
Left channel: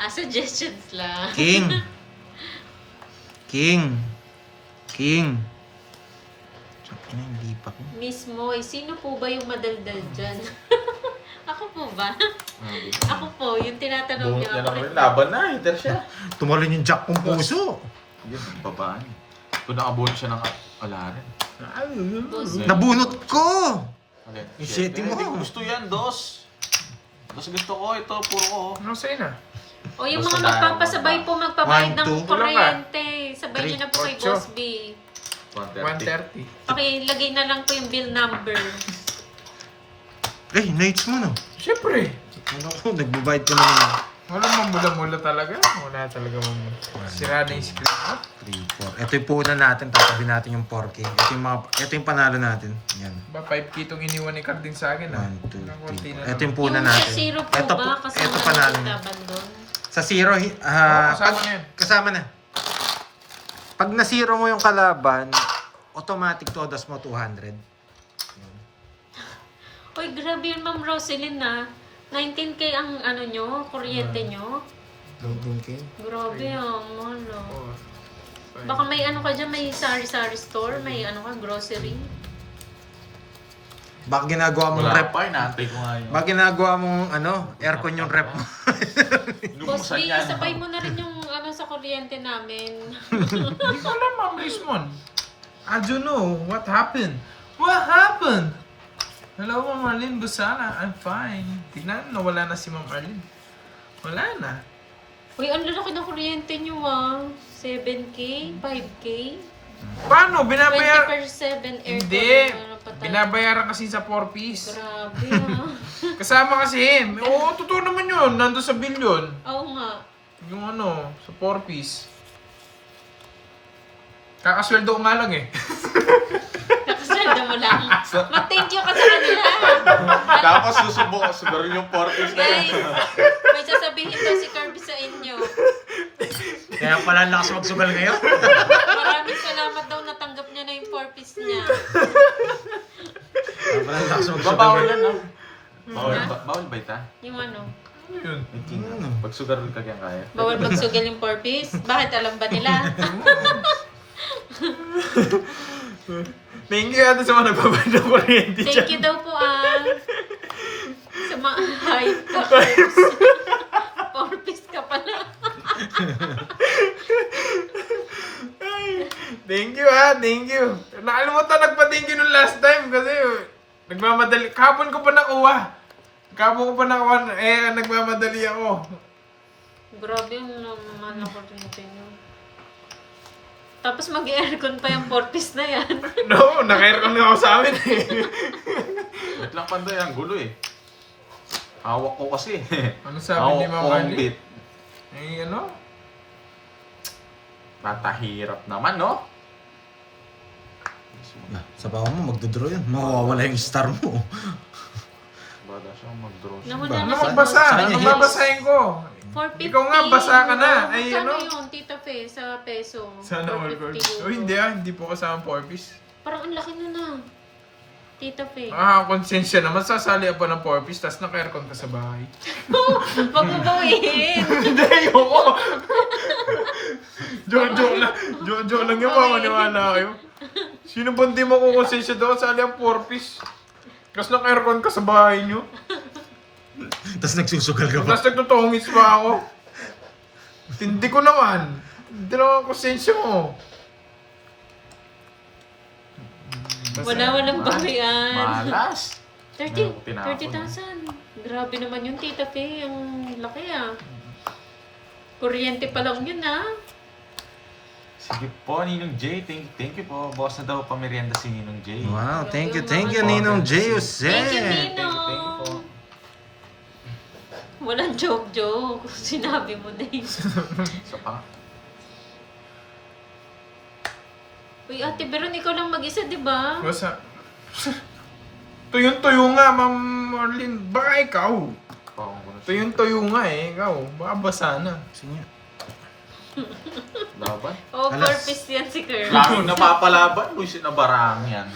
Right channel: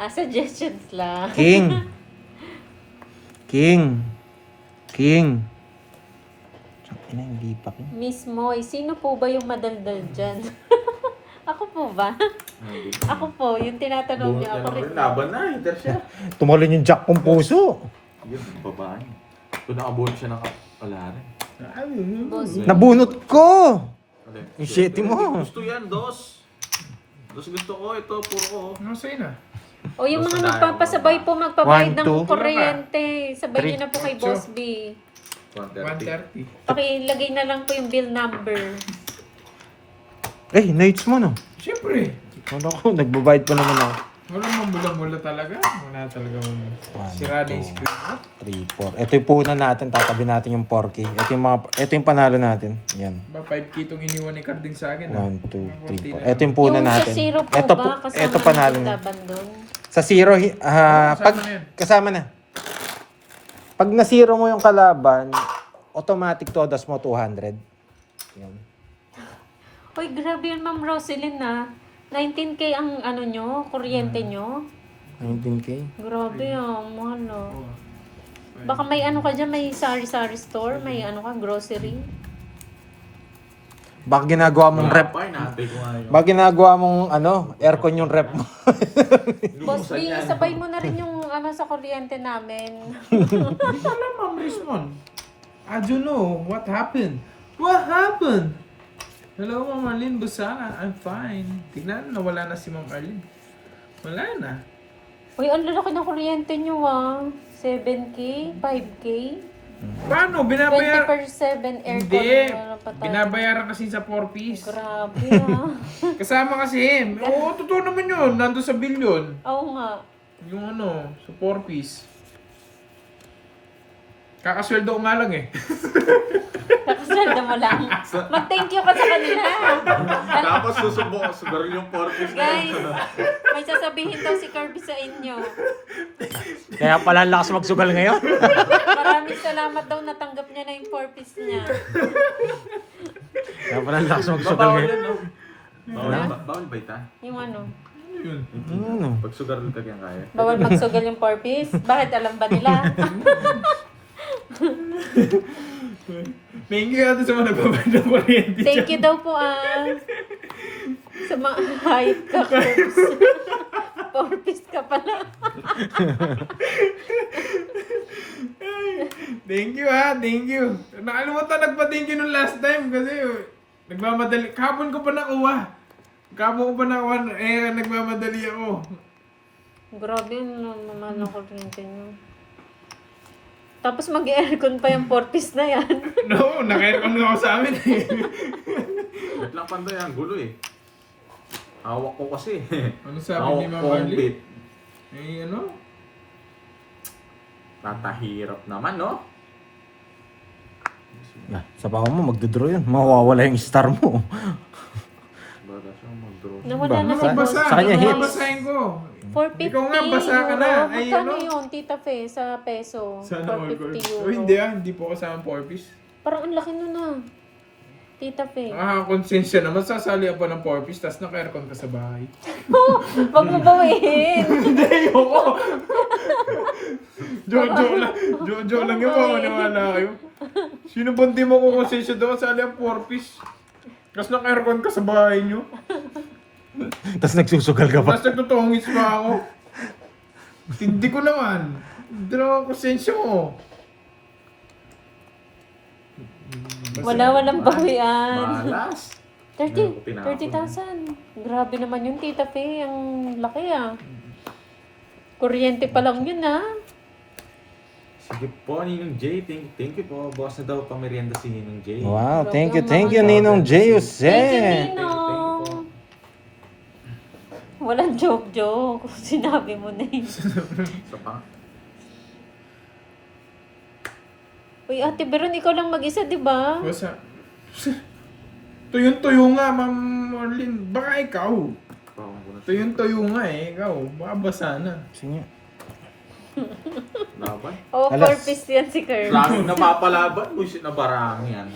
Suggestions lang. King. Ano, hindi pa ko. Miss Moy, sino po ba yung madaldal dyan? Ako po ba? Ako po, yung tinatanong niya ako rin. Laban na, hinter siya. Tumalon yung jack kong puso. Yun, babaan. Kung nakabuno siya ng alarin. Boss, Nabunot ko! Okay. Yung shitty mo. Gusto yan, dos. Dos gusto ko, ito, puro ko. Ano sa'yo na? o yung mga Basta tayo. magpapasabay po, magpabayad 1, 2. ng kuryente. Sabay niyo na po kay 3, Boss B. 130. Pakilagay na lang po yung bill number. Nights mo no. Siyempre. Ano ko, nagbabayad pa naman ako. Wala mamula-mula talaga. Wala talaga mamula. Sira na yung screen mo. 3, 4. Ito yung punan natin, tatabi natin yung 4K. Ito yung panalo natin. Yan. Ba, 5K itong iniwan ni Cardin sa akin. 1, 2, 3, 4. Ito yung punan Yung natin. sa zero po Ito, ba? Kasama ito na panalo yung niya. laban doon? Sa zero, kasama na yan. kasama na. Pag na-zero mo yung kalaban, automatic todas mo 200. Yan. Uy, grabe yun, Ma'am Roselyn 19K ang nyo, kuryente nyo. 19K? Grabe mahal Baka may ka dyan, may sari-sari store, may grocery. Baka ginagawa mong Wala rep. pa, inaantay ko nga yun. Baka ginagawa mong aircon yung rep mo. Boss B, Inubusan yan. sabay mo na rin yung sa kuryente namin. Hindi ko alam, Ma'am Rismon. I don't know. What happened? What happened? Hello, Ma'am Arlene Busana. I'm fine. Tingnan, nawala na si Ma'am Arlene. Wala na. Uy, ang lalaki ng kuryente nyo 7K, 5K, Paano? 20/7 aircon. Hindi. Pa tayo. Binabayaran kasi sa 4-piece. Grabe Kasama kasi. Oo, totoo naman yun. Nandun sa bill yun. Oo nga. Yung sa 4-piece. Kakasweldo ko nga lang Kakasweldo mo lang. Mag-thank you ka sa kanila. Tapos susubok siguro yung 40s na Guys, yun. may sasabihin daw si Kirby sa inyo. Kaya pala ang lakas magsugal ngayon. Maraming salamat daw natanggap niya na yung 4-piece niya. Kaya pala ang lakas magsugal Babawal ngayon. yan, no? Bawal ba ita? Yung Yun. Pag sugar nito kaya kaya. bawal magsugal yung 4-piece. Bakit alam ba nila? Thank you ata sa mga nagbabayad ng kuryente dyan. Thank you daw po sa mga hype ka, Kirbs. 4-piece ka pala. Thank you thank you. Nakalimutan nagpa-thank you nung last time kasi nagmamadali. Kahapon ko pa nakuha. Nagmamadali ako. Grabe yung mahal na kuryente nyo. Tapos mag-aircon pa yung 4-piece na yan. No, naka-aircon nga ako sa amin Wait lang panday, ang gulo eh. Hawak ko kasi. Ano sabi ni Hawak Ma'am ko ang Ali? bit. Patahirap naman, no? Yeah, sabaw mo, magdodraw yun. Mawawala yung star mo. Bada siya mag-draw. Nawala na si Boss. Basa, Sa kanya hits. babasahin ko. 450 Ikaw nga, basa ka na. euro. Ay, Magkano ano? yun, Tita Fe, sa peso? Sana all 450 girls. euro. Hindi po kasama 4-piece. Parang ang laki nun Tita Fe. Konsensya naman, sasali ako ng 4-piece, tapos naka-aircon ka sa bahay. Wag mo bawiin. Hindi, ayoko. Joke lang. Joke lang yung mamaniwala kayo. Sino ba hindi mo kukonsensya doon? Sali ang 4-piece. Tapos naka-aircon ka sa bahay nyo. Tapos nagsusugal ka pa. Tapos nagtutungis pa ako. Hindi ko naman. Hindi naman konsensya mo. Walang bawian. Malas. 30,000. Grabe naman yun, Tita Faye. Ang laki ah. Kuryente pa lang yun ah. Sige po, Ninong J. Thank you po. Boss na daw pamerienda si Ninong J. Wow, thank you, Ninong J. Jose. Thank you, Thank you Ninong. po. Walang joke. Sinabi mo na yun. So, pa. Uy, Ate Veron, ikaw lang mag-isa, di ba? Basta. Tuyong-tuyo nga, Ma'am Marlene. Baka ikaw. Tuyong-tuyo nga eh. Ikaw. Baka basa na. Sige. Laban. Oo, Alas. 4-piece yan si Kirby. Lamang napapalaban. Luis na barang yan.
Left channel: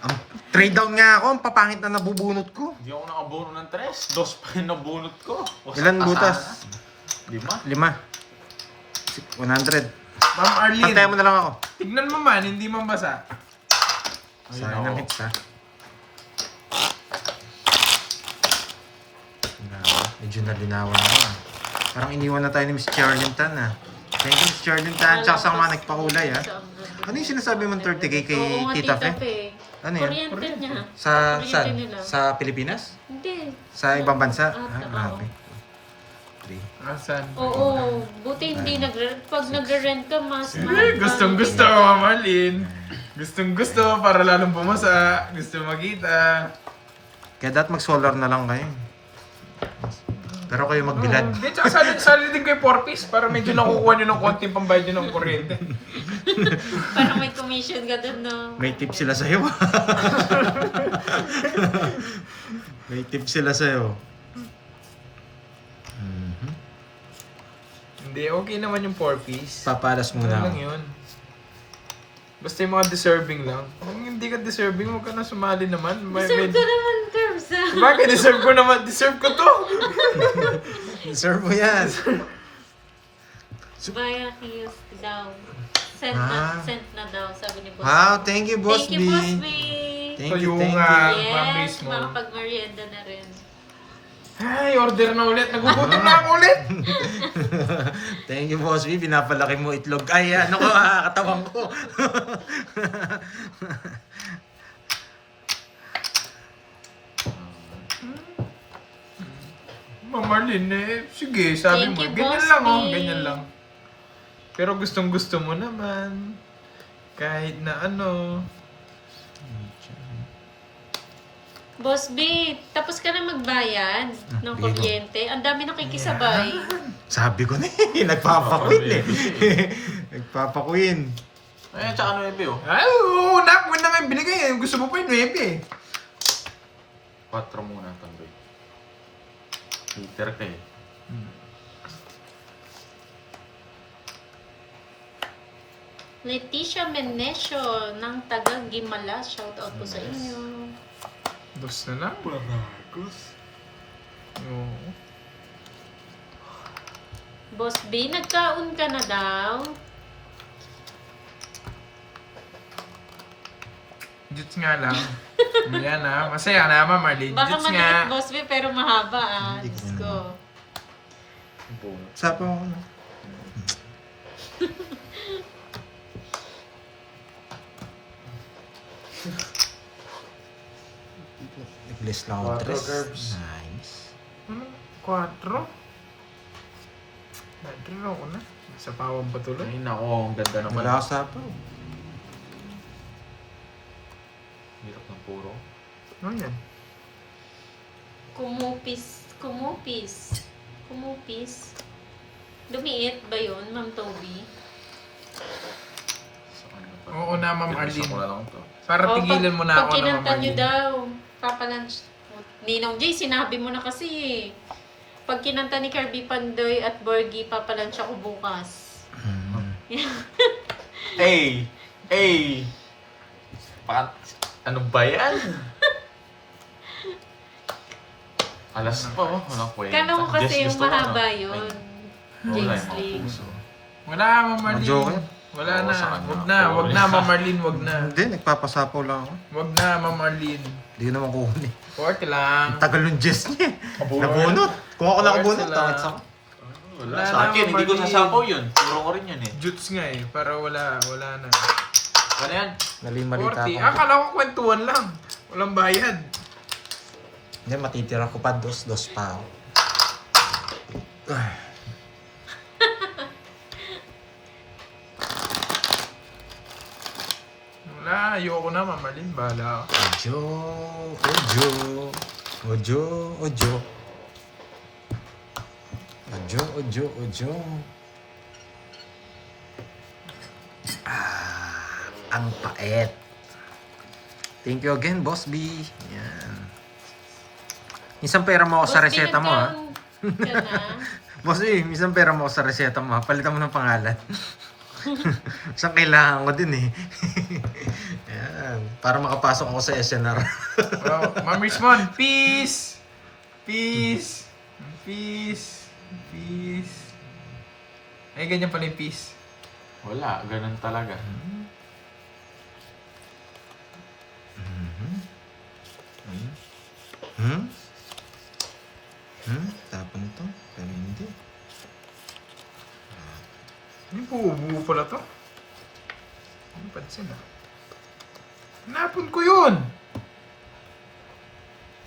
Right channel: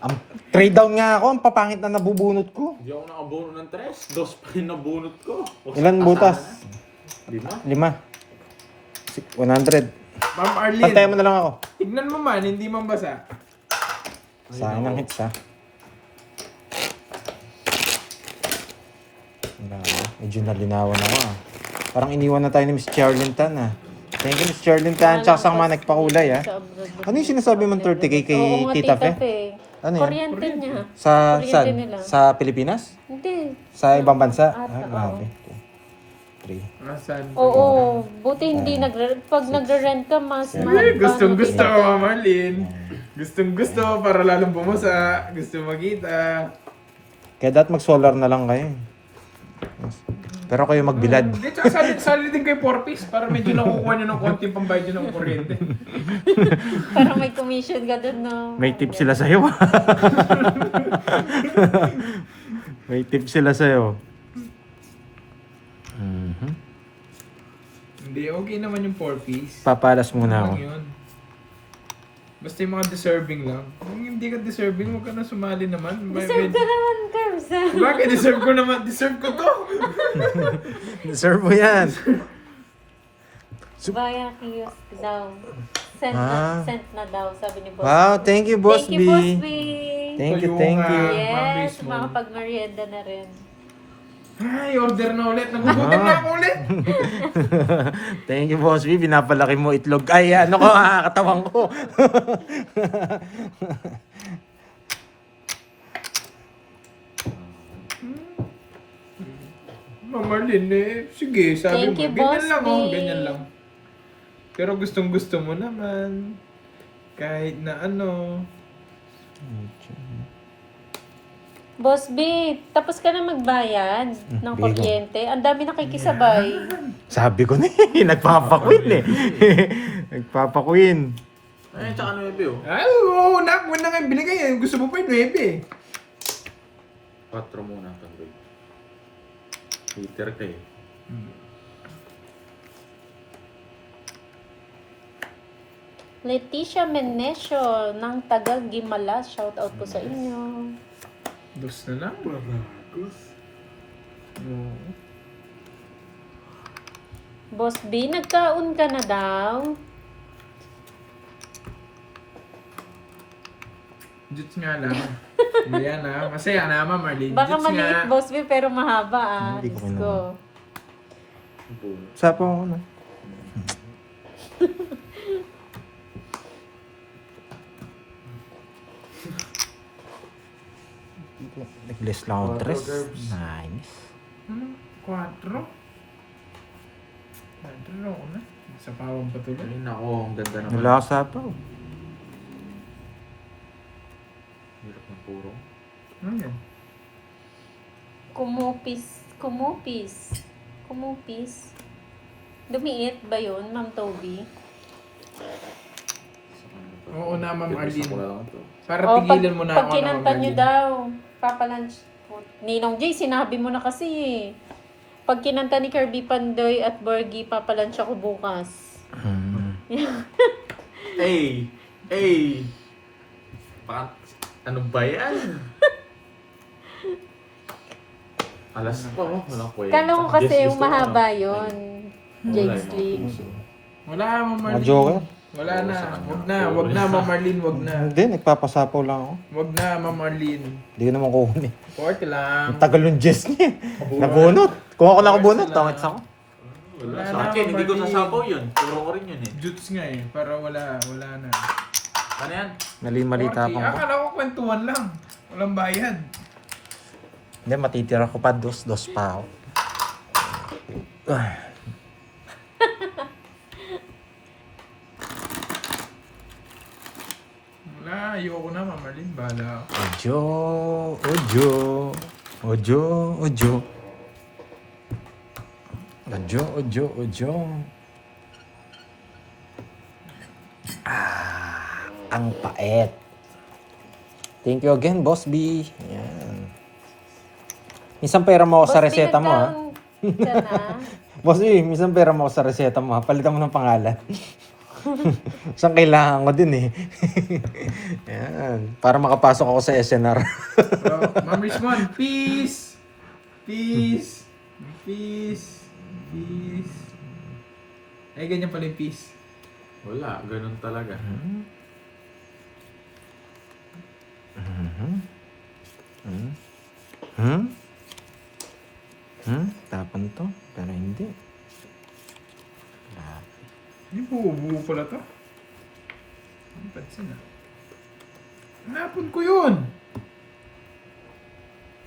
Ang trade down nga ako, ang papangit na nabubunot ko. Hindi ako nakabono ng 3. 2 pa yung nabunot ko. Ilan butas? 5. 5. 100. Ma'am Pantayan Arlene, mo na lang ako. tignan mo man, hindi man basa. Sa akin ng hits ha. Medyo nalinawan ako ah. Parang iniwan na tayo ni Miss Charlene Tan ah. Thank you Miss Charlene Tan. Tsaka sa mga nagpakulay ah. Ano yung sinasabi mong 30K kay Oo nga, Tita Tita Fe? Fe. Ano yan? Kuryente niya. Sa Kuryente saan? nila. Sa Pilipinas? Hindi. Sa ibang bansa? Ata, Ah, grabe. 3. Asan? Oo. Buti hindi pag nagre-rent ka, mas mahal pa. Gustong-gusto ko, Ma'am Arlene. Gustong-gusto para lalong bumasa. Gusto makita. Kaya dapat mag-solar na lang kayo. Pero kayo magbilad. Hindi, tsaka sali din kayo 4-piece para medyo nakukuha nyo ng konting pambayad nyo ng kuryente. Parang may commission ka doon, no? May tip sila sa'yo. May tip sila sa'yo. Hindi, okay naman yung 4-piece. Papalas Ano muna ako. lang yun. Basta yung mga deserving lang. Kung hindi ka deserving, huwag ka na sumali naman. Deserve ka naman, Curbs. Bakit deserve ko naman? Deserve ko to! Deserve mo yan. Via kiosk daw. Ah. Sent na daw, sabi ni Boss. Wow, thank you, Boss Thank you, Boss B. B. Thank you, Ito yung, thank you. Yes, Ma'am makapag-merienda na rin. Ay, order na ulit. Nagugutom na ako ulit. Thank you, Boss B. Pinapalaki mo itlog. Ay, ano ko, katawang ko. Ma'am Marlene, sige, sabi Thank mo. you, Ganyan Boss lang, B. ganyan lang. Pero gustong gusto mo naman. Kahit na ano. Boss B, tapos ka na magbayad ng di kuryente. Ang dami nakikisabay. Sabi ko ni, nagpapakwin eh. Nagpapakwin. Ayan, tsaka 9 oh. Ay, oo, huwag na kayo binigay. Gusto mo pa yung 9 4 muna itong break. Liter ka eh. Leticia Menesio ng taga Gimala. Shout out po sa inyo. Dos na na. Oo. Boss B, nagkaon ka na daw. Jits nga lang. Ayan na. Masaya na, Ma'am Marlene. Baka Jits maliit, nga. Boss B, pero mahaba ah. Hindi ko Diyos ko. Boom. Sapa ako, no? Nag-bless na ako, Quattro Tres. herbs. Nice. 4. 4 ako na. Sa pawang patuloy. Ay, nako, ang ganda naman. Wala ka sapa. Hirap ng puro. Ano yan? Kumupis. Kumupis. Kumupis. Dumiit ba yun, Ma'am Toby? Oo na, Ma'am Pinapisa Arlene. ko na lang to. Para Oh, tigilan mo na pag ako na, Ma'am kinanta nyo Arlene. daw, papalunch. Ninong Jay, sinabi mo na kasi eh. Pag kinanta ni Kirby Pandoy at Borgie, papalunch ako bukas. Hey! Hey! Ano ba yan? Alas pa, oh. Wala po yan. Kala mo kasi Just yung gusto ko, mahaba ah. yun. Ay, wala Jade yung mga Sling. puso. Wala, Ma'am Marlene. Joker. Wala Oo, na. sa kanya. Wag na, Ma'am Marlene, wag na. Hindi, nagpapasapaw lang ako. Wag na, Ma'am Marlene. Hindi ko naman kukunin. 40 lang. Ang tagal ng Jess niya. Nabunot. Kung ako nakabunot, Wala. tangit sa ako. Wala Wala sa na, akin, hindi ko Marlene. sasapaw yun. Turo ko rin yun eh. Jutes nga eh, para wala na. Ano yan? Nalimalita 40. ako. Akala ko kwentuhan lang. Walang bayad. Hindi, matitira ko pa. Dos pa ako. Wala, ayoko na, Ma'am Marlene. Bahala ka. Ojo. Ojo. Ojo. Ojo. Ojo. Ojo. Ojo. Ang pait. Thank you again, Boss B. Yan. Minsan pera mo ako sa reseta mo, ha? Ka na. Boss B, minsan pera mo ako sa reseta mo, ha? Palitan mo ng pangalan. Saan kailangan ko din, eh. Yan. Para makapasok ako sa SNR. Oh, Ma'am Richmond, peace! Peace! Peace! Peace! Eh, ganyan pala yung peace. Wala, ganun talaga. Tapon to, pero hindi. Ano po pala to? Ano pansin ah? Napon ko yun!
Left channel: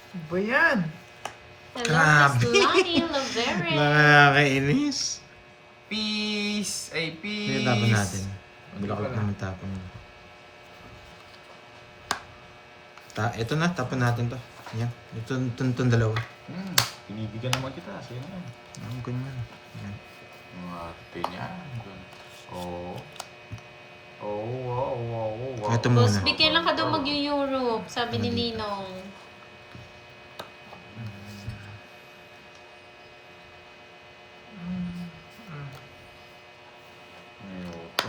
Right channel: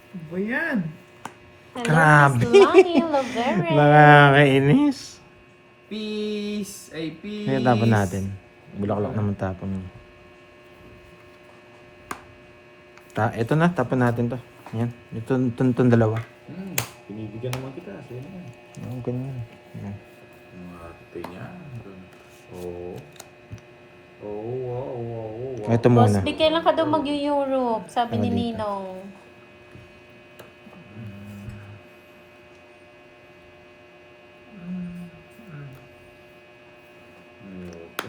Ano ba yan? Hello, Miss Lonnie Lavere. Nakakainis. Peace! Ay, peace! Ngayon tapon natin. Bulaklak naman tapon. Ito na, tapon natin to. Yan. Itong dalawa. Pinibigyan naman kita. Sino yan? Ganun. Mga tinya. Oo. Oo, wow, wow, wow. Ito Boss, muna. bigyan lang ka daw mag-Europe, sabi ni Ninong. Ayoko.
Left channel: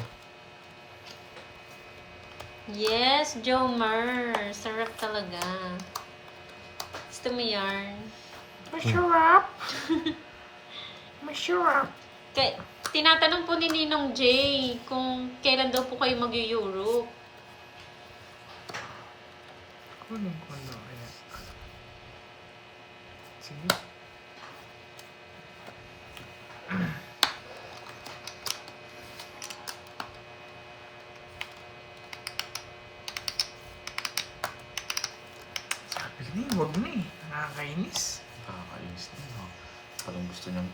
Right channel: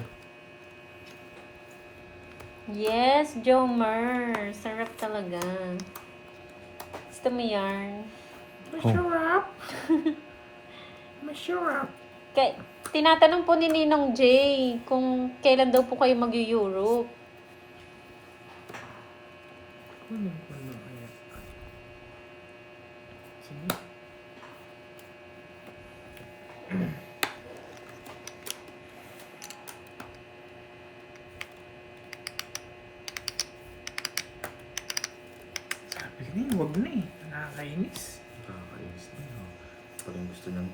Yes, Jomer. Sarap talaga. Gusto mo yarn? Masarap! Masarap! Tinatanong po ni Ninong Jay kung kailan daw po kayo mag-Europe. Kunin ko na kaya. Sige. Sabi ko na eh, wag na eh. Nakakainis. Nakakainis na. Parang gusto niyang...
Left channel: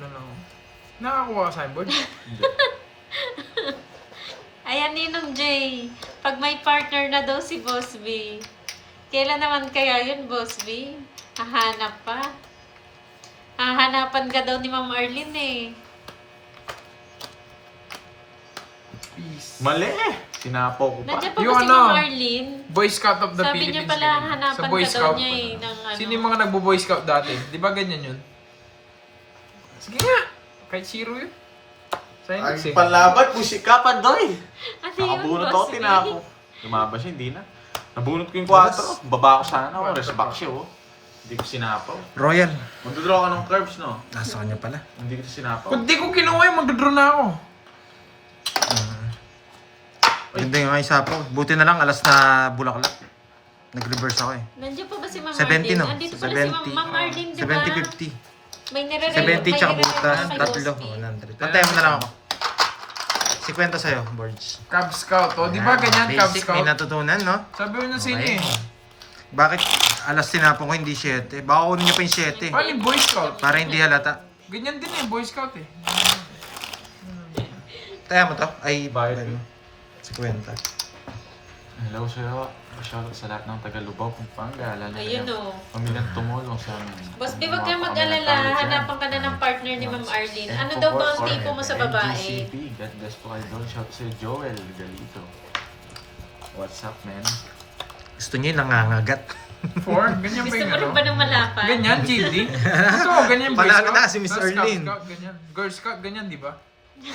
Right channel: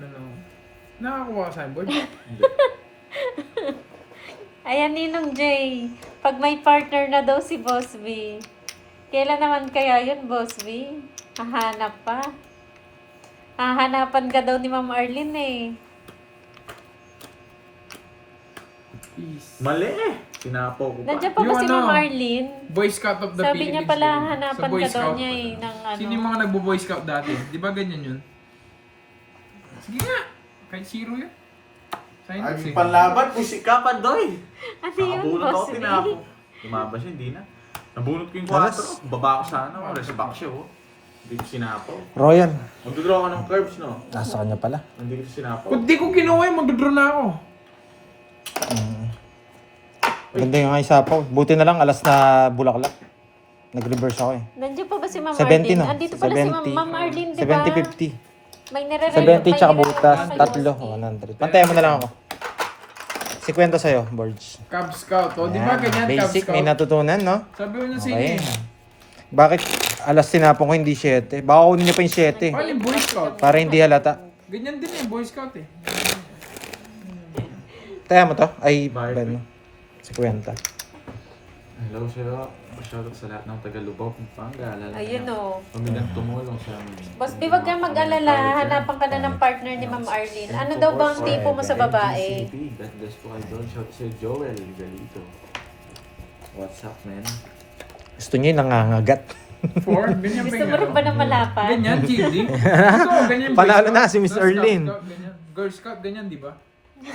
Ano. Nakakuha ka sa board? Hindi. Ayan, Ninong Jay. Pag may partner na daw si Boss B. Kailan naman kaya yun, Boss B? Hahanap pa. Hahanapan ka daw ni Ma'am Arlene eh. Peace. Mali! Sinapaw ko pa. Nandiyan pa ba Yung si ano, Ma'am Arlene? Boy Scout of the Sabi Philippines. niya pala, ganyan. hanapan Sa Boy ka daw Scout. niya eh. Ng ano. Sino yung mga nagbo-Boy Scout dati? Di ba ganyan yun? Sige nga. Kahit zero yun. Sign Ay, eh. panlaban, pusikapan daw eh. Ano yun, Nakabunot ako, Boss B? tinapo. Lumabas siya, hindi na. Nabunot ko yung 4. Baba ko sana, rest back siya oh. Hindi ko sinapaw. Royal. Magdodraw ka ng curves, no? Nasa kanya pala. Hindi ko sinapaw. Kung di ko kinuha yun, magdodraw na ako. Ganda yung isapaw. Buti na lang, alas na bulaklak. Nag-reverse ako eh. Nandiyan pa ba si Ma'am 70 Arlene? no? Andito pala si Ma'am Arlene, di ba? 70-50. May nire-relo. 70 tsaka butas. kay Tatlo. Boss B. 100. Pantay mo na lang ako. 50 sa'yo, boards. Cub Scout. O, di ba ganyan, Cub Basic, Scout? may natutunan, no? Sabi mo na Okay. sino eh. Bakit alas tinapon ko hindi 7? Baka kunin niyo pa yung 7. Paano yung Boy Scout? Para hindi halata. Ganyan din eh, Boy Scout eh. Taya mo to? Ay, Bakit? ano? 50. Hello sa'yo. Shoutout sa lahat ng taga-Lubao, Pampanga. Ayun o. Kami nang tumulong sa amin. Boss B, wag kang mag-alala. Hanapan ka na ng partner ni Ma'am Arlene. Ano daw ba ang tipo mo sa babae? NGCP, God bless po idol. Shout sa Joel Galito. What's up, man? Gusto niyo yung nangangagat. 4, ganyan ba Gusto yung mo rin ano? ba ng malapan? Ganyan, GD? Gusto ko, ganyan yung Boy Panalo Scout. na si Miss Girl Scout, Erlyn. Scout, ganyan. Girl Scout, ganyan, di ba? 6,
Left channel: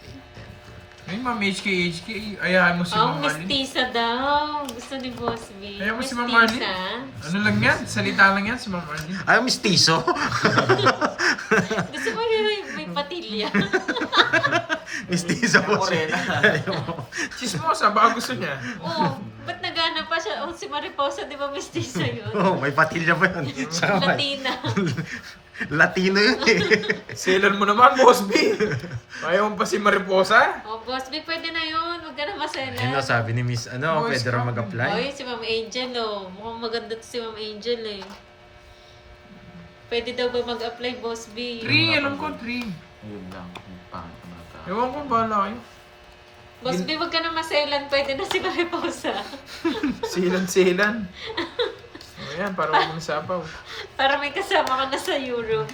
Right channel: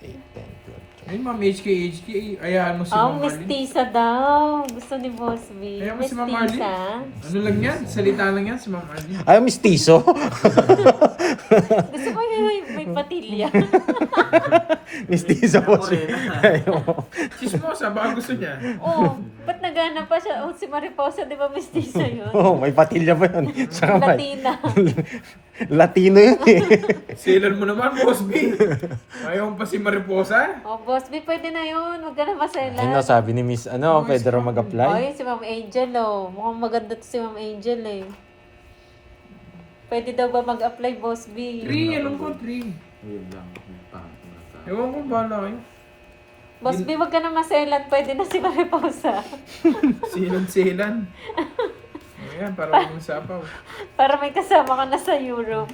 8, 10, 12, 13, Ayun, Ma'am HK, ayahan mo si Oh, Ma'am Marlene. mestiza daw. Gusto ni Boss B. Ayaw mo si Ma'am Marlene? Mestiza. Ano lang yan? Salita lang yan si Ma'am Marlene. Ay, mistiso. Gusto ko yung may patilya. Mistiso po siya. Morena. Chismosa, baka gusto niya. Oh, ba't nagana pa siya? Oh, si Mariposa, di ba mestiza yun? Oh, may patilya pa yun. Saka may- Latina. Latino yun eh. Silan mo naman, Boss B. Ayaw mo pa si Mariposa? Oh, Boss B, pwede na yun. Huwag ka na masela. Ano, sabi ni Miss, ano, Boys pwede raw Club. mag-apply? Oy, si Ma'am Angel, oh. Mukhang maganda to si Ma'am Angel, eh. Pwede daw ba mag-apply, Boss B? 3, alam ko 3. Ayun lang. Yung pangit na tao. Ewan ko, bahala kayo. Boss B, huwag ka na maselan. Pwede na si Mariposa. Silan. Ayan, para huwag mong sapaw. Para may kasama ka na sa Europe.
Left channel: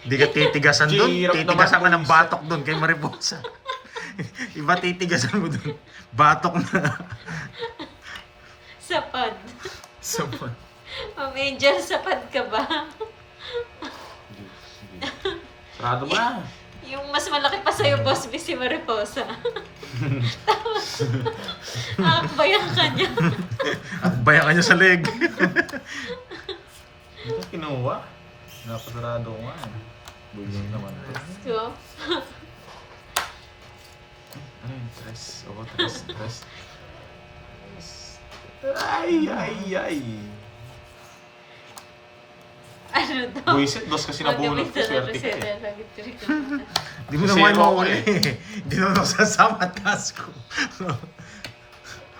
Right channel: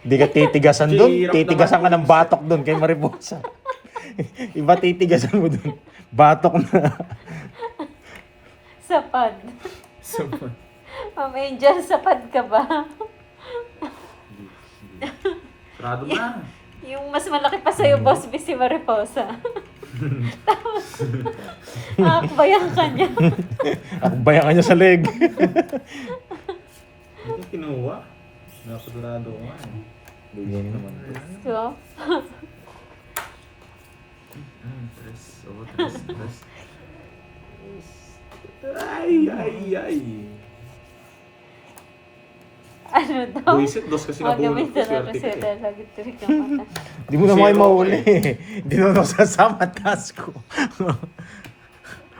Hindi ka titigasan doon. Hirap Titigasan ka naman ng batok doon kay Mariposa. Iba titigasan mo doon. Batok na. Sapad. Someone. Ma'am Angel, sapad ka ba? Sarado mo na. Yung mas malaki pa sa'yo, Boss B, si Mariposa. Tapos, akbayan ka niya. Akbayan ka niya sa leg. Ito kinuha. Napasarado ko nga. Buisit naman. So, Ay, stress. Oh, stress. Ay. ano daw? Buisit, dos kasi nabulot ko. Swerte ka eh. Lagi tirik na mata. Hindi mo na kayo Zero mahuli. Hindi mo na sasama task ko.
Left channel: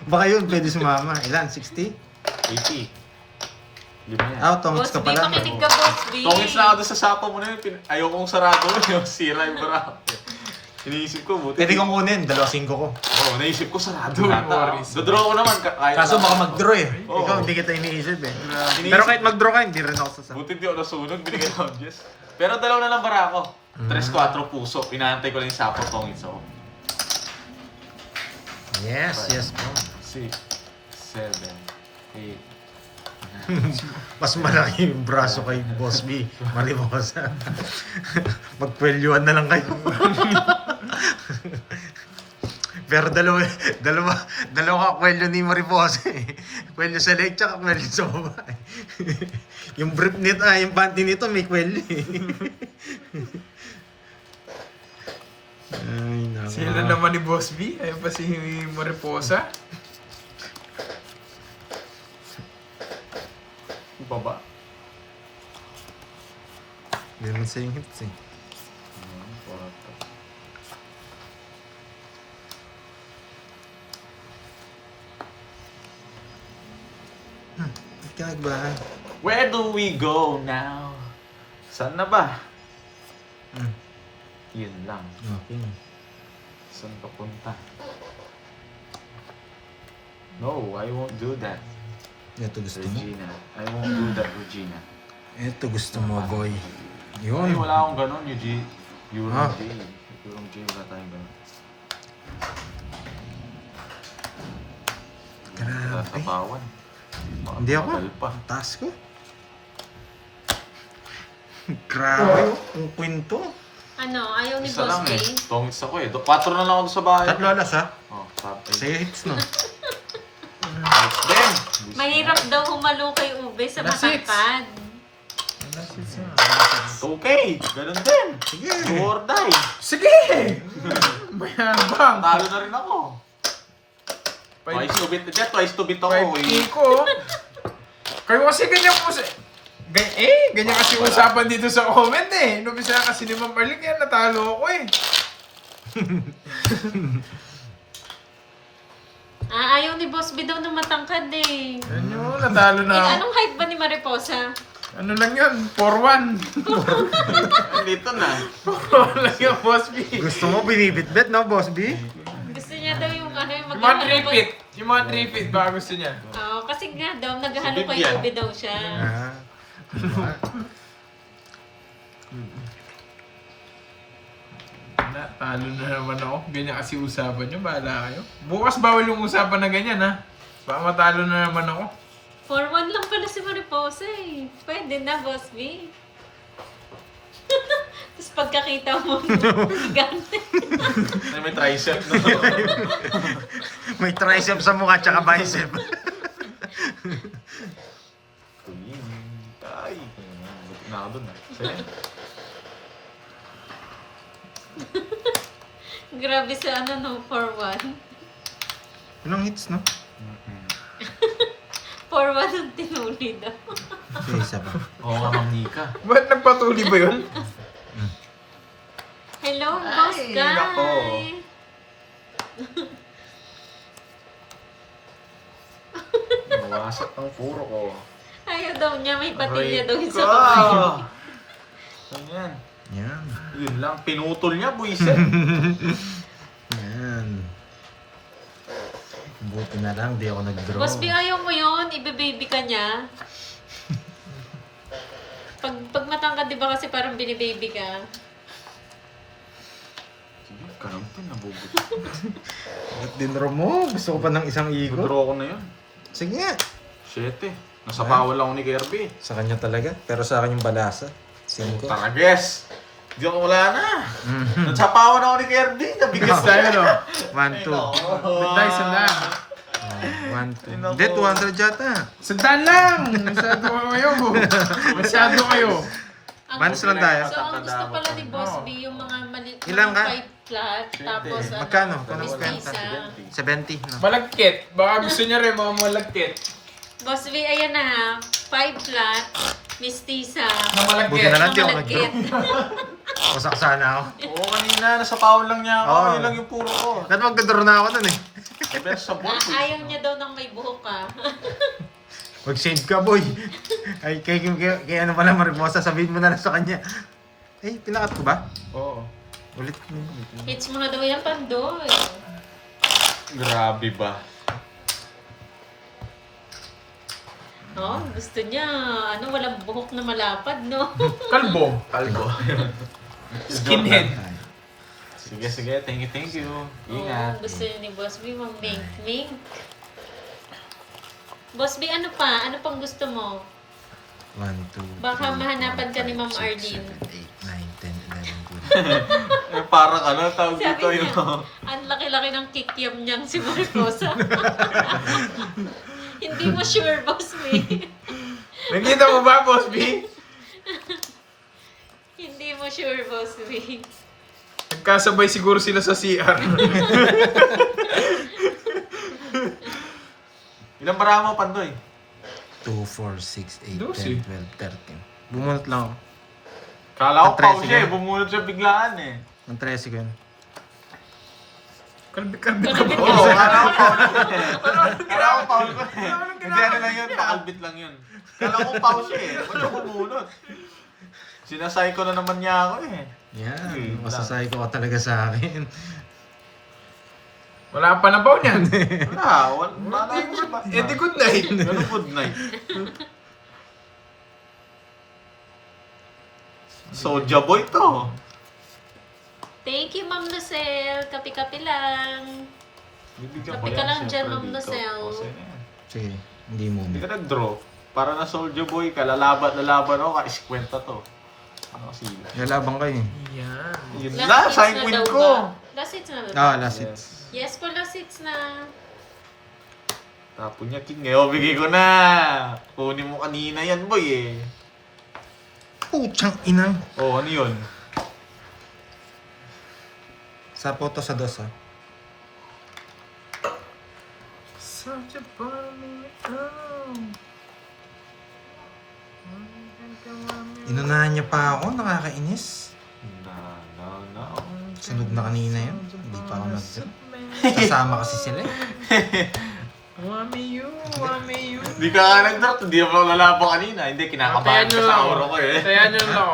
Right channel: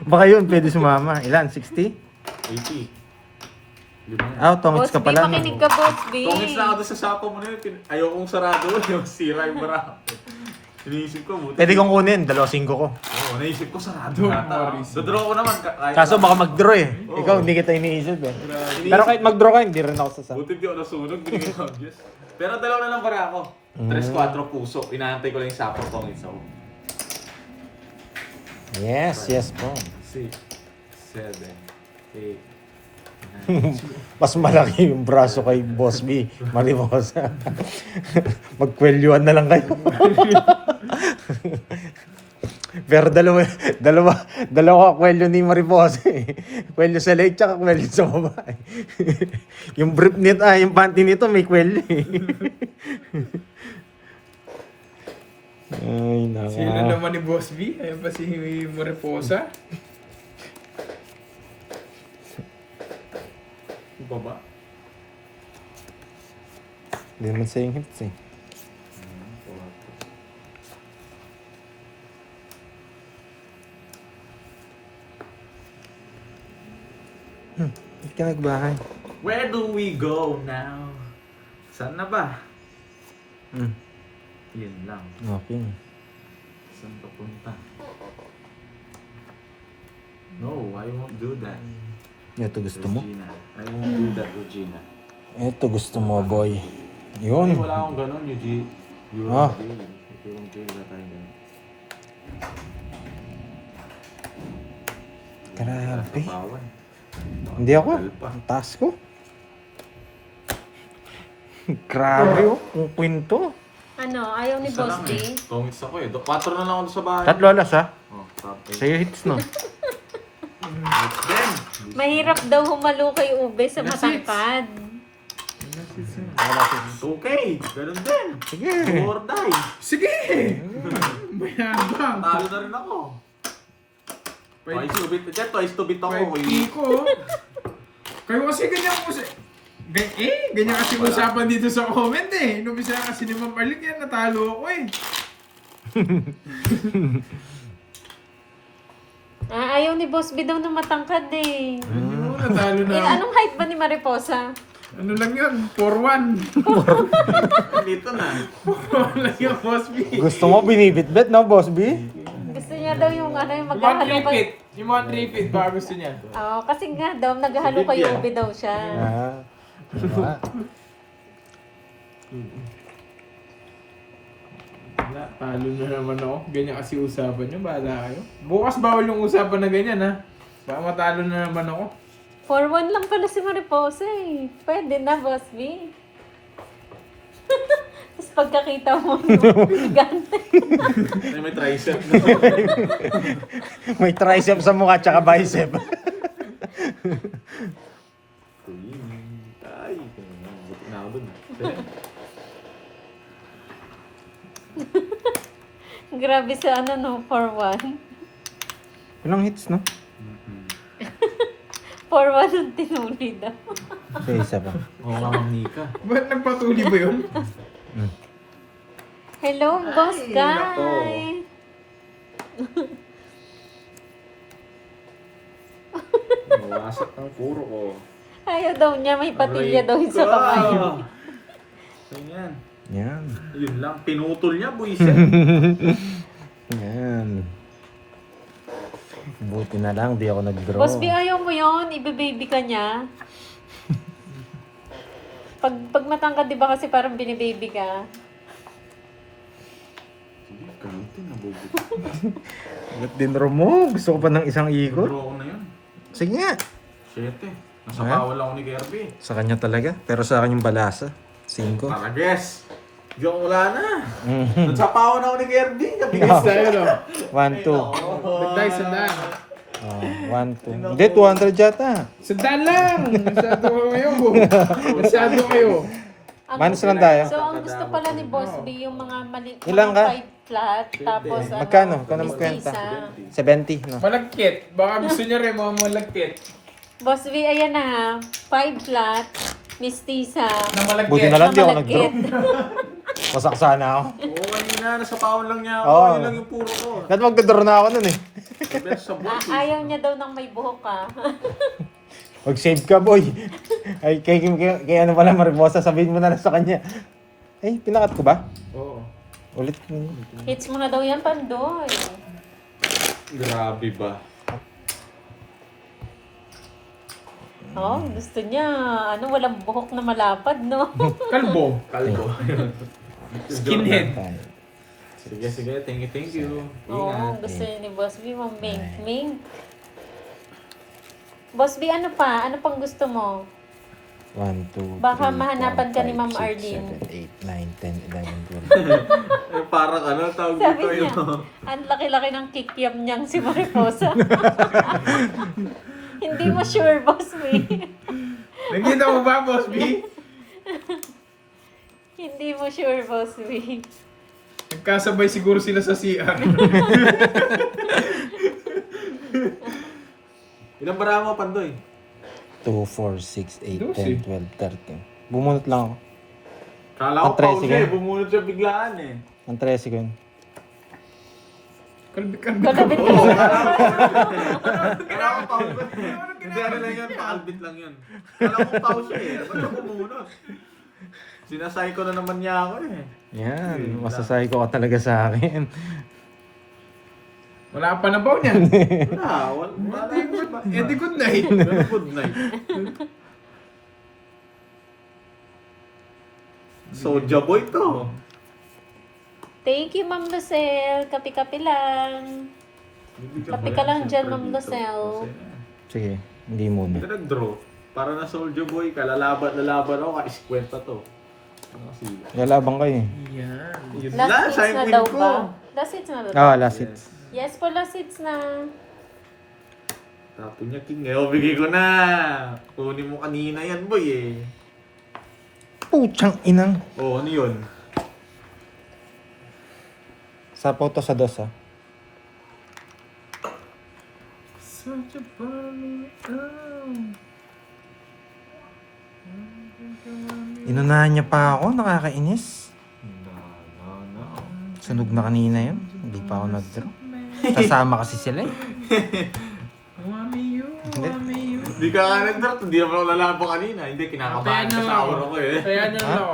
Baka yun, pwede sumama. Ilan? 60? 80. Lima yan. Ah, tongits Boss ka B, pala. makinig ka, Boss B. Tongits na ako doon sa sapa mo na yun. Ayokong sarado yung sira yung bara. Iniisip ko, buti. Pwede kong kunin, 2.5 ko. Oo, naisip ko sarado Don't nata. worry. Dodraw ko naman. Kahit Kaso baka mag-draw eh. Oo. Ikaw, hindi kita iniisip eh. Iniisip- Pero kahit mag-draw ka, hindi rin ako sasama. Buti di ako nasunog, binigyan ko ang Diyos. Pero dalawa na lang bara ako. 3-4 puso. Inaantay ko lang yung sapo, tongits ako. Yes po. 6, 7, 8, Mas malaki yung braso kay Boss B. Mariposa. Magkwelyuhan na lang kayo. Pero dalawa kwelyo ni Mariposa eh. Kwelyo sa leg, tsaka kwelyo sa baba. Yung brief net, yung panty nito may kwelyo eh. Ay, nako. Sila naman ni Boss B. Ayan pa si Mariposa. Yung baba. Hindi naman sa yung hits eh. Ba't ka nagbahay? Where do we go now? Saan na ba? Yun lang. Okay. Saan papunta? No, I won't do that, Ito gusto mo? Regina. I won't do that, Regina. Ito gusto mo, boy. Ay, Yun. wala akong ganun, Eugene. Ah. Yung J, wala tayong ganun. Grabe. Kapawan. Hindi ako. Ang taas ko. Grabe. Ang kwento. Ano, ayaw ni Isa Boss lang B? eh. Tongits ako eh. 4 na lang ako sa bahay. alas ha? Oh, tapos. Sa'yo hits nun. Then! Mahirap daw humalo kay Ube sa Alas, six. matangkad. Okay! Ganun din! Sige. Do or die! Sige! Mayabang. Talo na rin ako. Twice to beat. Twice to beat ako. Pwede ko. Kayo kasi ganyan ko sa... Ganyan kasi usapan dito sa comment eh. Inubisa kasi ni Ma'am Arlene, yan natalo ako eh. Ayaw ni Boss B daw na matangkad eh. Ano, natalo na. Anong height ba ni Mariposa? Ano lang yun? 4-1. Dito na. 4-1 lang yung Boss B. Gusto mo binibitbit, no, Boss B? Gusto niya daw yung ano, yung Yung mga maghahalo 3 kay... feet. Yung mga 3 feet, baka gusto niya. Oo, kasi nga daw, naghahalo Si kay Vivian. Ube daw siya. Ah. Ano nga? Wala, talo na naman ako. Ganyan kasi usapan nyo, bahala kayo. Bukas bawal yung usapan na ganyan ha. Baka matalo na naman ako. 4-1 lang pala si Mariposa eh. Pwede na, Boss B. Tapos pagkakita mo, no? Gigante. May tricep. May tricep sa mukha tsaka bicep. Ay, buti na ako dun. Sige. Grabe sa ano, no? 4-1. Ilang hits, no? 4-1 ang tinuli daw. So, isa pa. Oo, Nika. Ba't nagpatuloy ba yun? Hello, boss Ay, guy. nako. Nawasak ang puro ko. Ayaw daw niya, may patilya daw sa Wow. kamay. Ganyan. Yan. Yun lang. Pinutol niya, buisit. Yan. Buti na lang, di ako nag-draw. Boss B, ayaw mo yun? Ibe-baby ka niya? Pag matangkad, di ba kasi parang binibaby ka? Sige, ganito. Nabubuti. Ba't dinro mo? Gusto ko pa ng isang ikot? Draw ko na yun. Sige nga. 7. Nasa bawal ako ni Kirby. Sa kanya talaga. Pero sa akin yung balasa. 5. Takabes! Hindi ako wala na. Nagsapawan ako ni Kirby. Nabigas Tayo, no? 1, 2. Bitay, sandaan. 1, 2. Hindi, 200 yata. Sandaan lang! Masyado kayo, go. Masyado kayo. Manos lang tayo. So, ang gusto pala ni Boss B, yung mga mali, Ilan mga ka? 5 flat, tapos Magkano? Ikaw na mistisa. magkwenta. 70, no? Malagkit. Baka gusto niya rin mga malagkit. Boss B, ayan na ha. 5 flat, mistisa. Na malagkit. Buti na lang, di ako nag-draw. malagkit. Wasak sana ako. Oo, kanina. Nasa pawan lang niya ako. Oo. Yun lang yung puro ko. Dahil magdodraw na ako nun eh. Best sa buhay. Ayaw niya daw ng may buhok ka. Mag-save ka, boy. Ay, kay ano pala, Mariposa, sabihin mo na lang sa kanya. Eh, tinakat ko ba? Oo. Ulit. Hits mo na daw yan, Pandoy. Grabe ba? Oh, gusto niya, walang buhok na malapad, no? Kalbo. Kalbo. Skinhead. Sige, sige. Thank you. Oo, Ingat. gusto niya ni Boss B, mink. Boss B, ano pa? Ano pang gusto mo? 1, 2, Baka mahanapan ka ni Ma'am Arlene. 8, 9, 10, 11, 12. Eh, parang ano, tawag Sabi dito niya, yung... ang laki-laki ng kikiam niyang si Mariposa. Hindi mo sure, Boss B. Nakita mo ba, Boss B? Hindi mo sure, Boss B. Nagkasabay siguro sila sa CR. Ilang bara mo, Pandoy? 2, 4, 6, 8, Lucy. 10, 12, 13. Bumunot lang ako. Kala ko Ang 13 pause siya yan. eh. Bumunod siya biglaan eh. Ang 13 ko yun. Kalbi-kalbi. Kalabit ka Oo. lang. Kala ko pause pa eh. Hindi, ano lang yun. Pakalbit lang yun. Kala ko pause siya eh. Ba't siya bumunod? Sinasay ko na naman niya ako eh. Yan, masasay ko ka talaga sa akin. Wala pa na ba niyan? Wala. Wala. Eh, di good night. Good night. Soja boy to. Thank you, Ma'am Lucelle. Kapi-kapi lang. Kape ka lang dyan, Ma'am Lucelle. Sige, hindi mo Hindi na. ka nag-draw. Para na soldier boy ka. Lalaban ako. Ka-iskwenta to. Ano kasi? Lalabang kayo. Yan. Yun Last lang. hits Sign na win daw ko. ba? Last hits na daw. Oo, last hits. Yes po, last hits na. Tapon niya king eh. O, bigay ko na. Kunin mo kanina yan boy eh. Puchang inang. Oh, ano yun? Sa photo sa dos, ah. Such a bunny. Inunahan niya pa ako, nakakainis. No. Sunog na kanina yun. Hindi pa ako nag-draw. Kasama kasi sila eh. Wami you. Hindi ka nga nag-draft. Hindi ako lalaban kanina. Hindi, kinakabahan ka sa aura ko eh. Sayan nyo ako.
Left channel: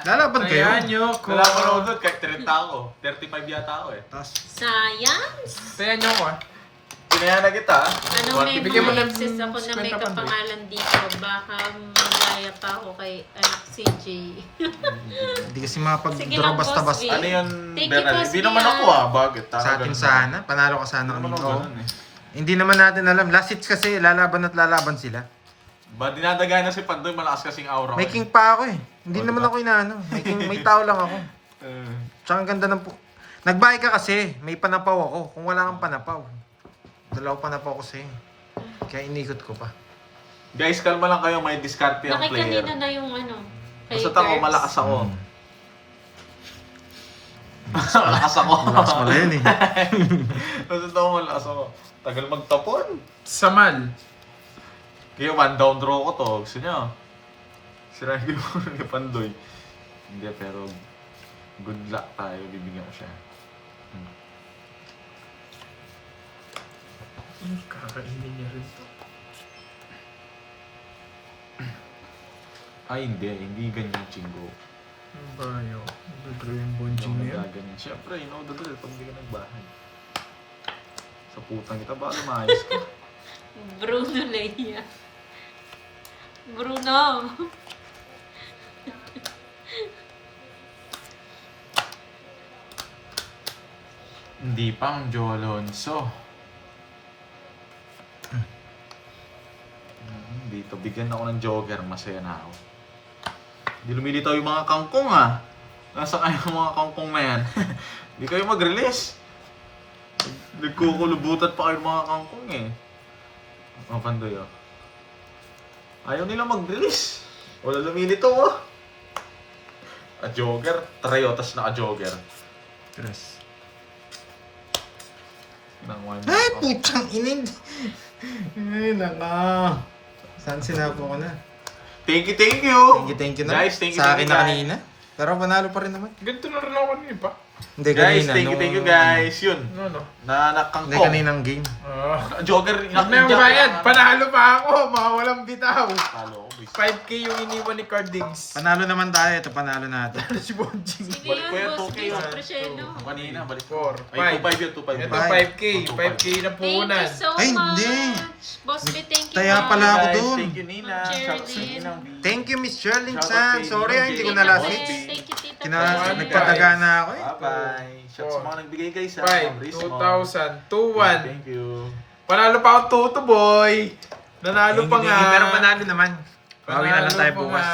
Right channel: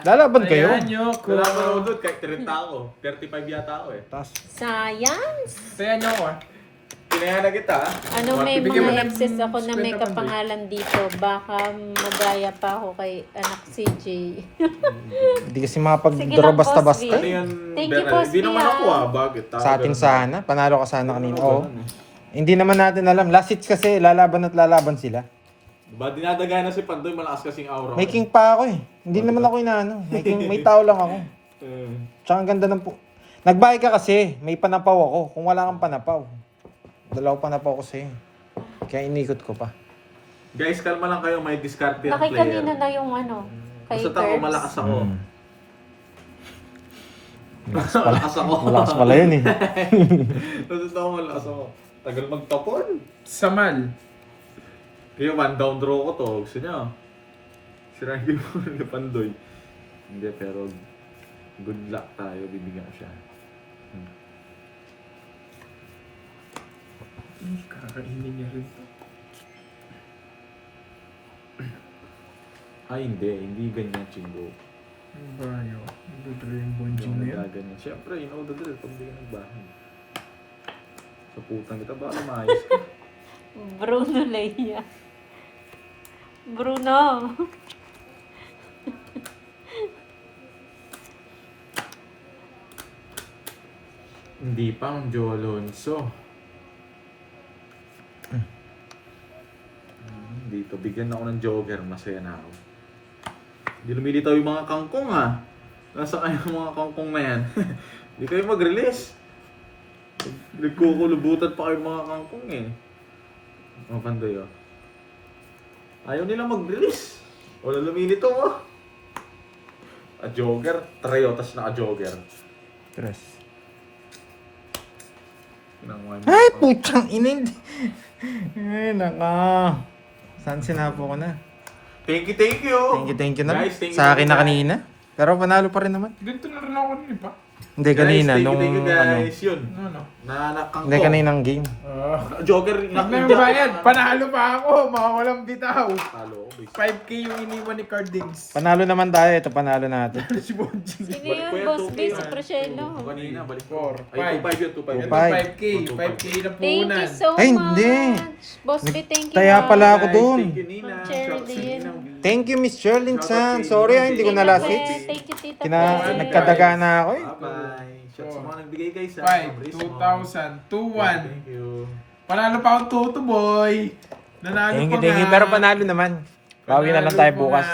Lalaban kayo. Sayan nyo ko. Lalaban ako doon. Kahit 30 ako. 35 yata ako eh. Tapos, Sayang. Sayan nyo ako ah. Kinaya na kita. Ano, may Bigyan mo mga ng exes ako na may 50 pa, kapangalan dito. Baka magaya pa ako kay anak CJ. hindi kasi Sige makapag-draw lang, basta-basta. Boss Ano V. yun? Thank you, Beral? Boss Hindi naman Bia. ako ah. Bakit? Sa atin sana. Panalo ka sana kanina. Oo. Oo. Hindi naman natin alam. Last hits kasi, lalaban at lalaban sila. Diba dinadaga na si Pandoy, malakas kasing aura ko May eh. king pa ako eh. Hindi naman ako inaano. May tao lang ako. Eh, Tsaka ang ganda ng Nagbahay ka kasi, may panapaw ako. Kung wala kang panapaw. Dalawa panapaw ko sa'yo. Kaya inikot ko pa. guys, kalma lang kayo, may discard ang player. Nakikanina na yung ano, kay Basta ako, Curbs. malakas ako. Mm. Malakas ako. Malakas pala yun eh. Basta ako, malakas ako. Tagal magtapon. Samal. Kaya one down draw ko to. Gusto niya. Sinabi mo ni Pandoy. Hindi, pero good luck tayo. Bibigyan ko siya. Kakainin niya rin. Ay, hindi ganyan, Chingo. Ang bayo. Dudro yung bonjing na Hindi yan. ganyan. Siyempre, you know the drill pag hindi ka nagbahay. Sa putang kita, baka maayos ka. Bruno Leia. Bruno. Hindi pa ang Joe Alonso. Dito, bigyan ako ng jogger. Masaya na ako. Hindi lumilitaw yung mga kangkong ah. Nasa kayo yung mga kangkong na yan. Hindi kayo mag-release. Nagkukulubutan pa kayo mga kangkong eh. Oh, Pandoy oh. Ayaw nila mag-release. Wala lumilitaw oh. A jogger. Trayotas na a jogger. Tres. Pinanguhay mo. Ay, putsang ining. Ay, naka. Saan sinapo ko na? Thank you. Thank you na. Guys, thank you. Sa akin thank you, na guys. kanina. Pero panalo pa rin naman. Ganito na rin ako kanina pa. Hindi, Guys, kanina. thank you guys. Yun. Ano? Na nakangkong. Hindi, kaninang game. Jogger. Ano yung bayad? Panalo pa ako. Mga walang bitaw. Halo ko, boys. 5K yung iniwan ni Cardings. Panalo naman tayo. Ito, panalo natin. Si Bonjing. Sino Balik ko yun, yan, boss 2K B? Si yan. Preseno. Kanina, balik ko. Four, Ay, five. 2.5 yun, 2.5 Ito yun. 5K. 5K na Thank you punan. so Ay, much. hindi. Boss B, thank you. Kaya ma'am. pala ako Guys, dun. Thank you, Nina. Ma'am Shout out si Cherlyn. Nina B. Thank you, Miss Sherlyn Shout out Chan. kay Sorry, Nina hindi ko Tita na last Pet. hit. Thank you, Tita Kina, Pet. nagkadaga na ako eh. Bye-bye. Shout sa mga nagbigay guys ha. 5, Rismo. 2,000, 2-1. Thank you. Panalo pa akong Toto Boy. Nanalo pa nga. Pero panalo naman. Bawi na lang tayo Panalo pa bukas. nga.